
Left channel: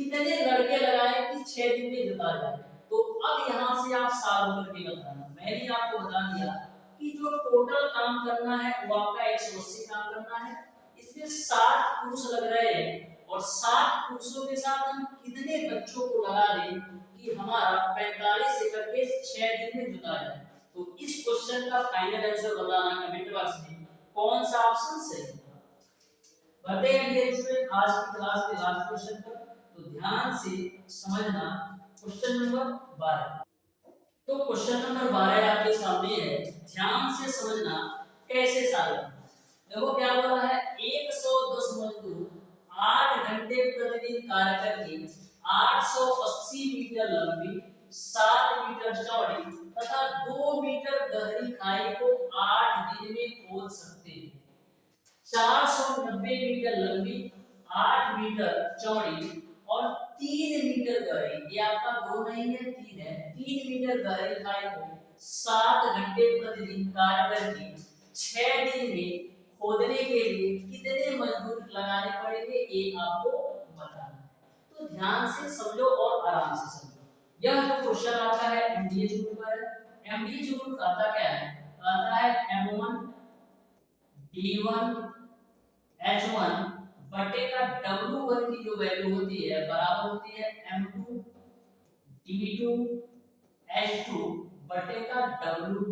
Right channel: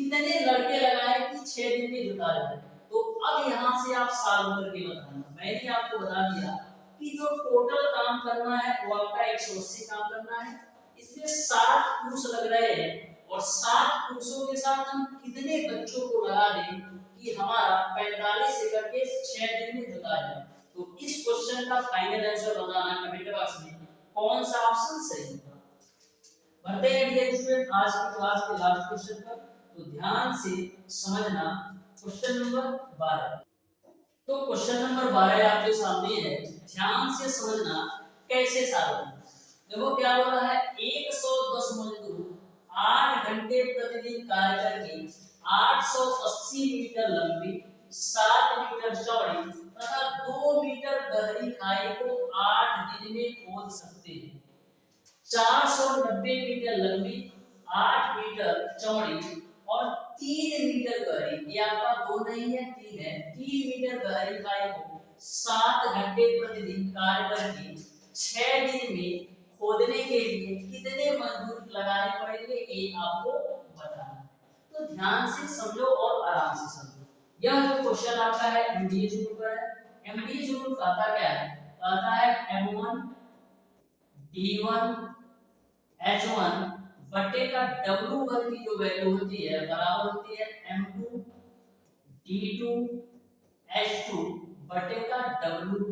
कितने लड़के लगाए कि 6 दिन में जुता जाए। तो अब यहाँ से आप सॉल्व करके बताना। मैंने आपको बता दिया कि जो टोटल काम करना है वो आपका 180 काम करना है, इसमें 60 पुरुष लग रहे हैं और 60 पुरुषों के साथ हम कितने बच्चों को लगा दें कि हमारा 45 से करके 6 दिन में जुता जाए। तो इस क्वेश्चन का फाइनल आंसर बताना कमेंट बॉक्स में कौन सा ऑप्शन सही है। बढ़ते हैं डियर स्टूडेंट आज की क्लास के लास्ट क्वेश्चन पर। तो ध्यान से समझना क्वेश्चन नंबर 12। तो क्वेश्चन नंबर 12 आपके सामने है, ध्यान से समझना कैसे सॉल्व करना। देखो क्या बोला है, 110 मजदूर 8 घंटे प्रतिदिन कार्य करके 880 मीटर लंबी, 7 मीटर चौड़ी तथा 2 मीटर गहरी खाई को 8 दिन में खोद सकते हैं। 490 मीटर लंबी, 8 मीटर चौड़ी और 3 मीटर गहरी, ये आपका 2 नहीं है 3 है, 3 मीटर गहरी खाई को 7 घंटे प्रतिदिन कार्य करके 6 दिन में खोदने के लिए कितने मजदूर लगाने पड़ेंगे ये आपको बताना है। तो ध्यान से समझो और आराम से समझो। यह जो क्वेश्चन आपका है एमडीएच रूल पर है। एमडीएच रूल कहता क्या है, कहता है M1 D1 H1 बटे का W1 की जो वैल्यू होती है बराबर होती है M2 D2 H2 बटे का W2।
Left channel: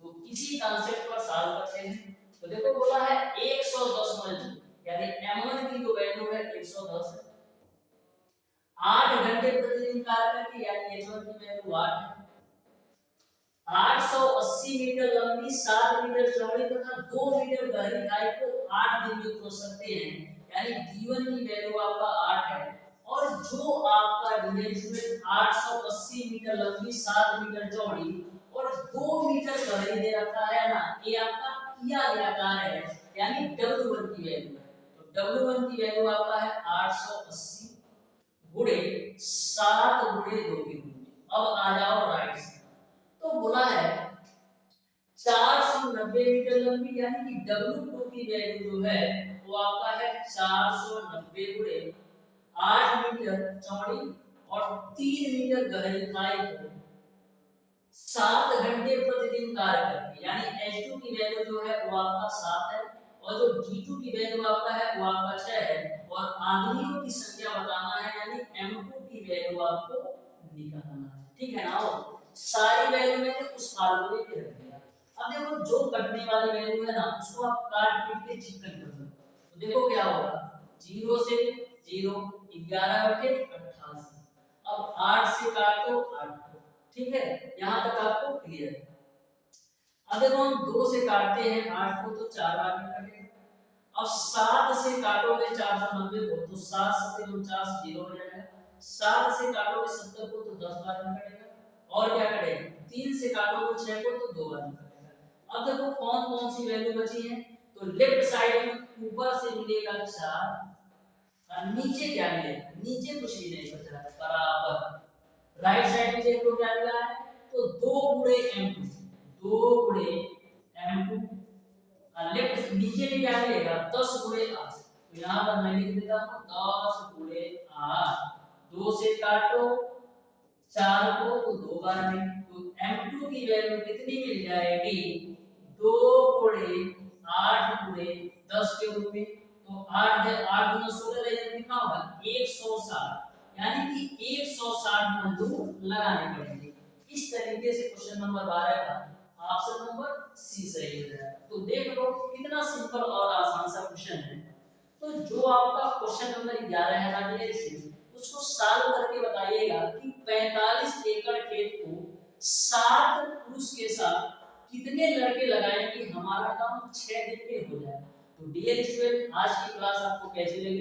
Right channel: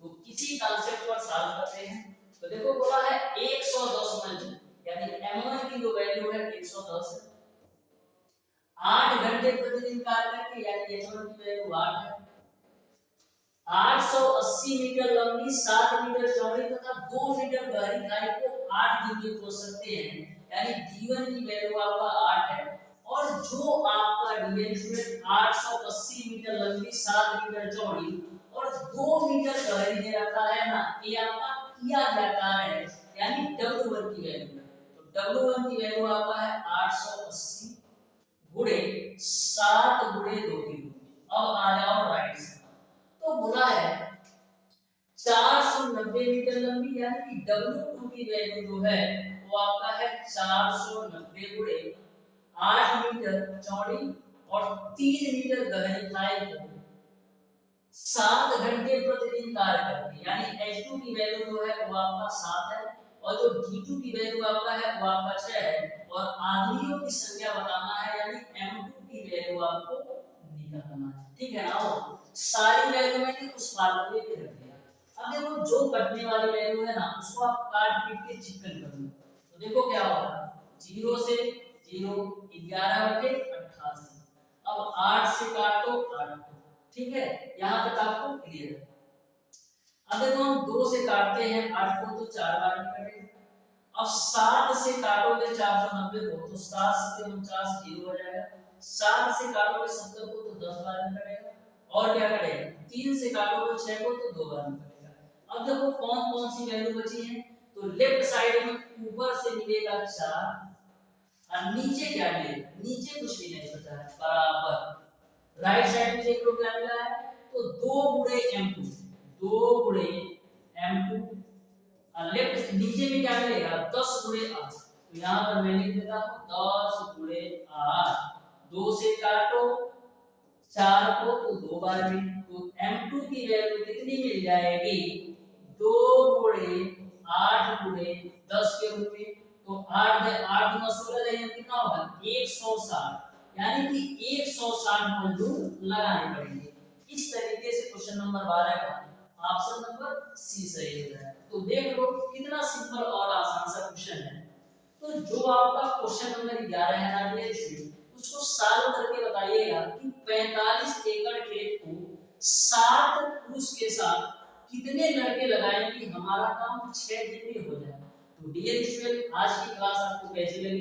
तो किसी कॉन्सेप्ट पर सॉल्व करते हैं। तो देखो बोला है 110 मजदूर, यानी M1 की जो वैल्यू है 110 है, 8 घंटे प्रतिदिन कार्य करके यानी H1 की वैल्यू 8 है, 880 मीटर लंबी, 7 मीटर चौड़ी तथा 2 मीटर गहरी खाई को 8 दिन में खोद सकते हैं, यानी D1 की वैल्यू आपका 8 है। और जो आपका डियर स्टूडेंट 880 मीटर लंबी, 7 मीटर चौड़ी और 2 मीटर गहरी दे रखा है ना, ये आपका किया गया कार्य है, यानी W1 की वैल्यू है। तो W1 की वैल्यू आपका है 880 गुणे 7 गुणे 2 की। अब आ जाओ राइट से। तो बोला है 490 मीटर लंबी, यानी कि W2 की वैल्यू जो है वो आपका है 490 गुणे 8 मीटर चौड़ी और 3 मीटर गहरी खाई को 7 घंटे प्रतिदिन कार्य करती है, यानी H2 की वैल्यू जो है वो आपका 7 है और जो D2 की वैल्यू आपका है वो आपका 6 है और आदमियों की संख्या बताना है, यानी M2 की वैल्यू आपको निकालना है। ठीक है ना, सारी वैल्यू मैंने उस फार्मूले पे रख दिया। अब देखो जो कटने वाली वैल्यू है ना उसको आप काट पीट के चिकन कर लो। तो देखो क्या होगा, 0 से 0 11 बटे 88। अब 8 से काटो 8 को, ठीक है, यहां तक आपको क्लियर है। अब देखो हम 2 से काटते हैं 8 को तो 4 बार में कटेगा। अब 7 से काटोगे 490 को तो 7 7 49 0 हो जाएगा। 7 से काटोगे 70 को तो 10 बार में कटेगा। और क्या करेगा, 3 से काटोगे 6 को तो 2 बार में कटेगा। अब देखो कौन कौन सी वैल्यू बची है, तो लेफ्ट साइड में ऊपर से मिलेगा 4 और नीचे क्या मिलेगा, नीचे कुछ भी नहीं बचा है बराबर। राइट साइड में देख लो क्या मिला है, तो 2 गुणे M2, 2 गुणे M2 और लेफ्ट नीचे में क्या मिलेगा 10 गुणे 8। तो यहां पर मैं लिख देता हूं 10 गुणे 8। 2 से काटो 4 को तो 2 बार में, तो M2 की वैल्यू कितनी मिल जाएगी, 2 गुणे 8 गुणे 10 के रूप में। तो 8 8 गुना 16 जाएगा कितना होगा 160, यानी कि 160 मजदूर लगाने पड़ेंगे। इस तरीके से क्वेश्चन नंबर 12 का ऑप्शन नंबर सी सही हो जाएगा। तो देख लो कितना सिंपल और आसान सा क्वेश्चन है। तो जो आपका क्वेश्चन नंबर 11 है ना डियर स्टूडेंट, उसको सॉल्व करके बताइएगा कि 45 एकड़ खेत को 7 पुरुष के साथ कितने लड़के लगाएं कि हमारा काम 6 दिन में हो जाए। तो डियर स्टूडेंट आज की क्लास आपको कैसी लगी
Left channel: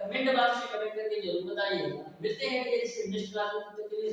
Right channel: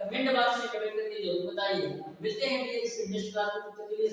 कमेंट बॉक्स में कमेंट करके जरूर बताइएगा। मिलते हैं डियर स्टूडेंट नेक्स्ट क्लास में, तब तक के लिए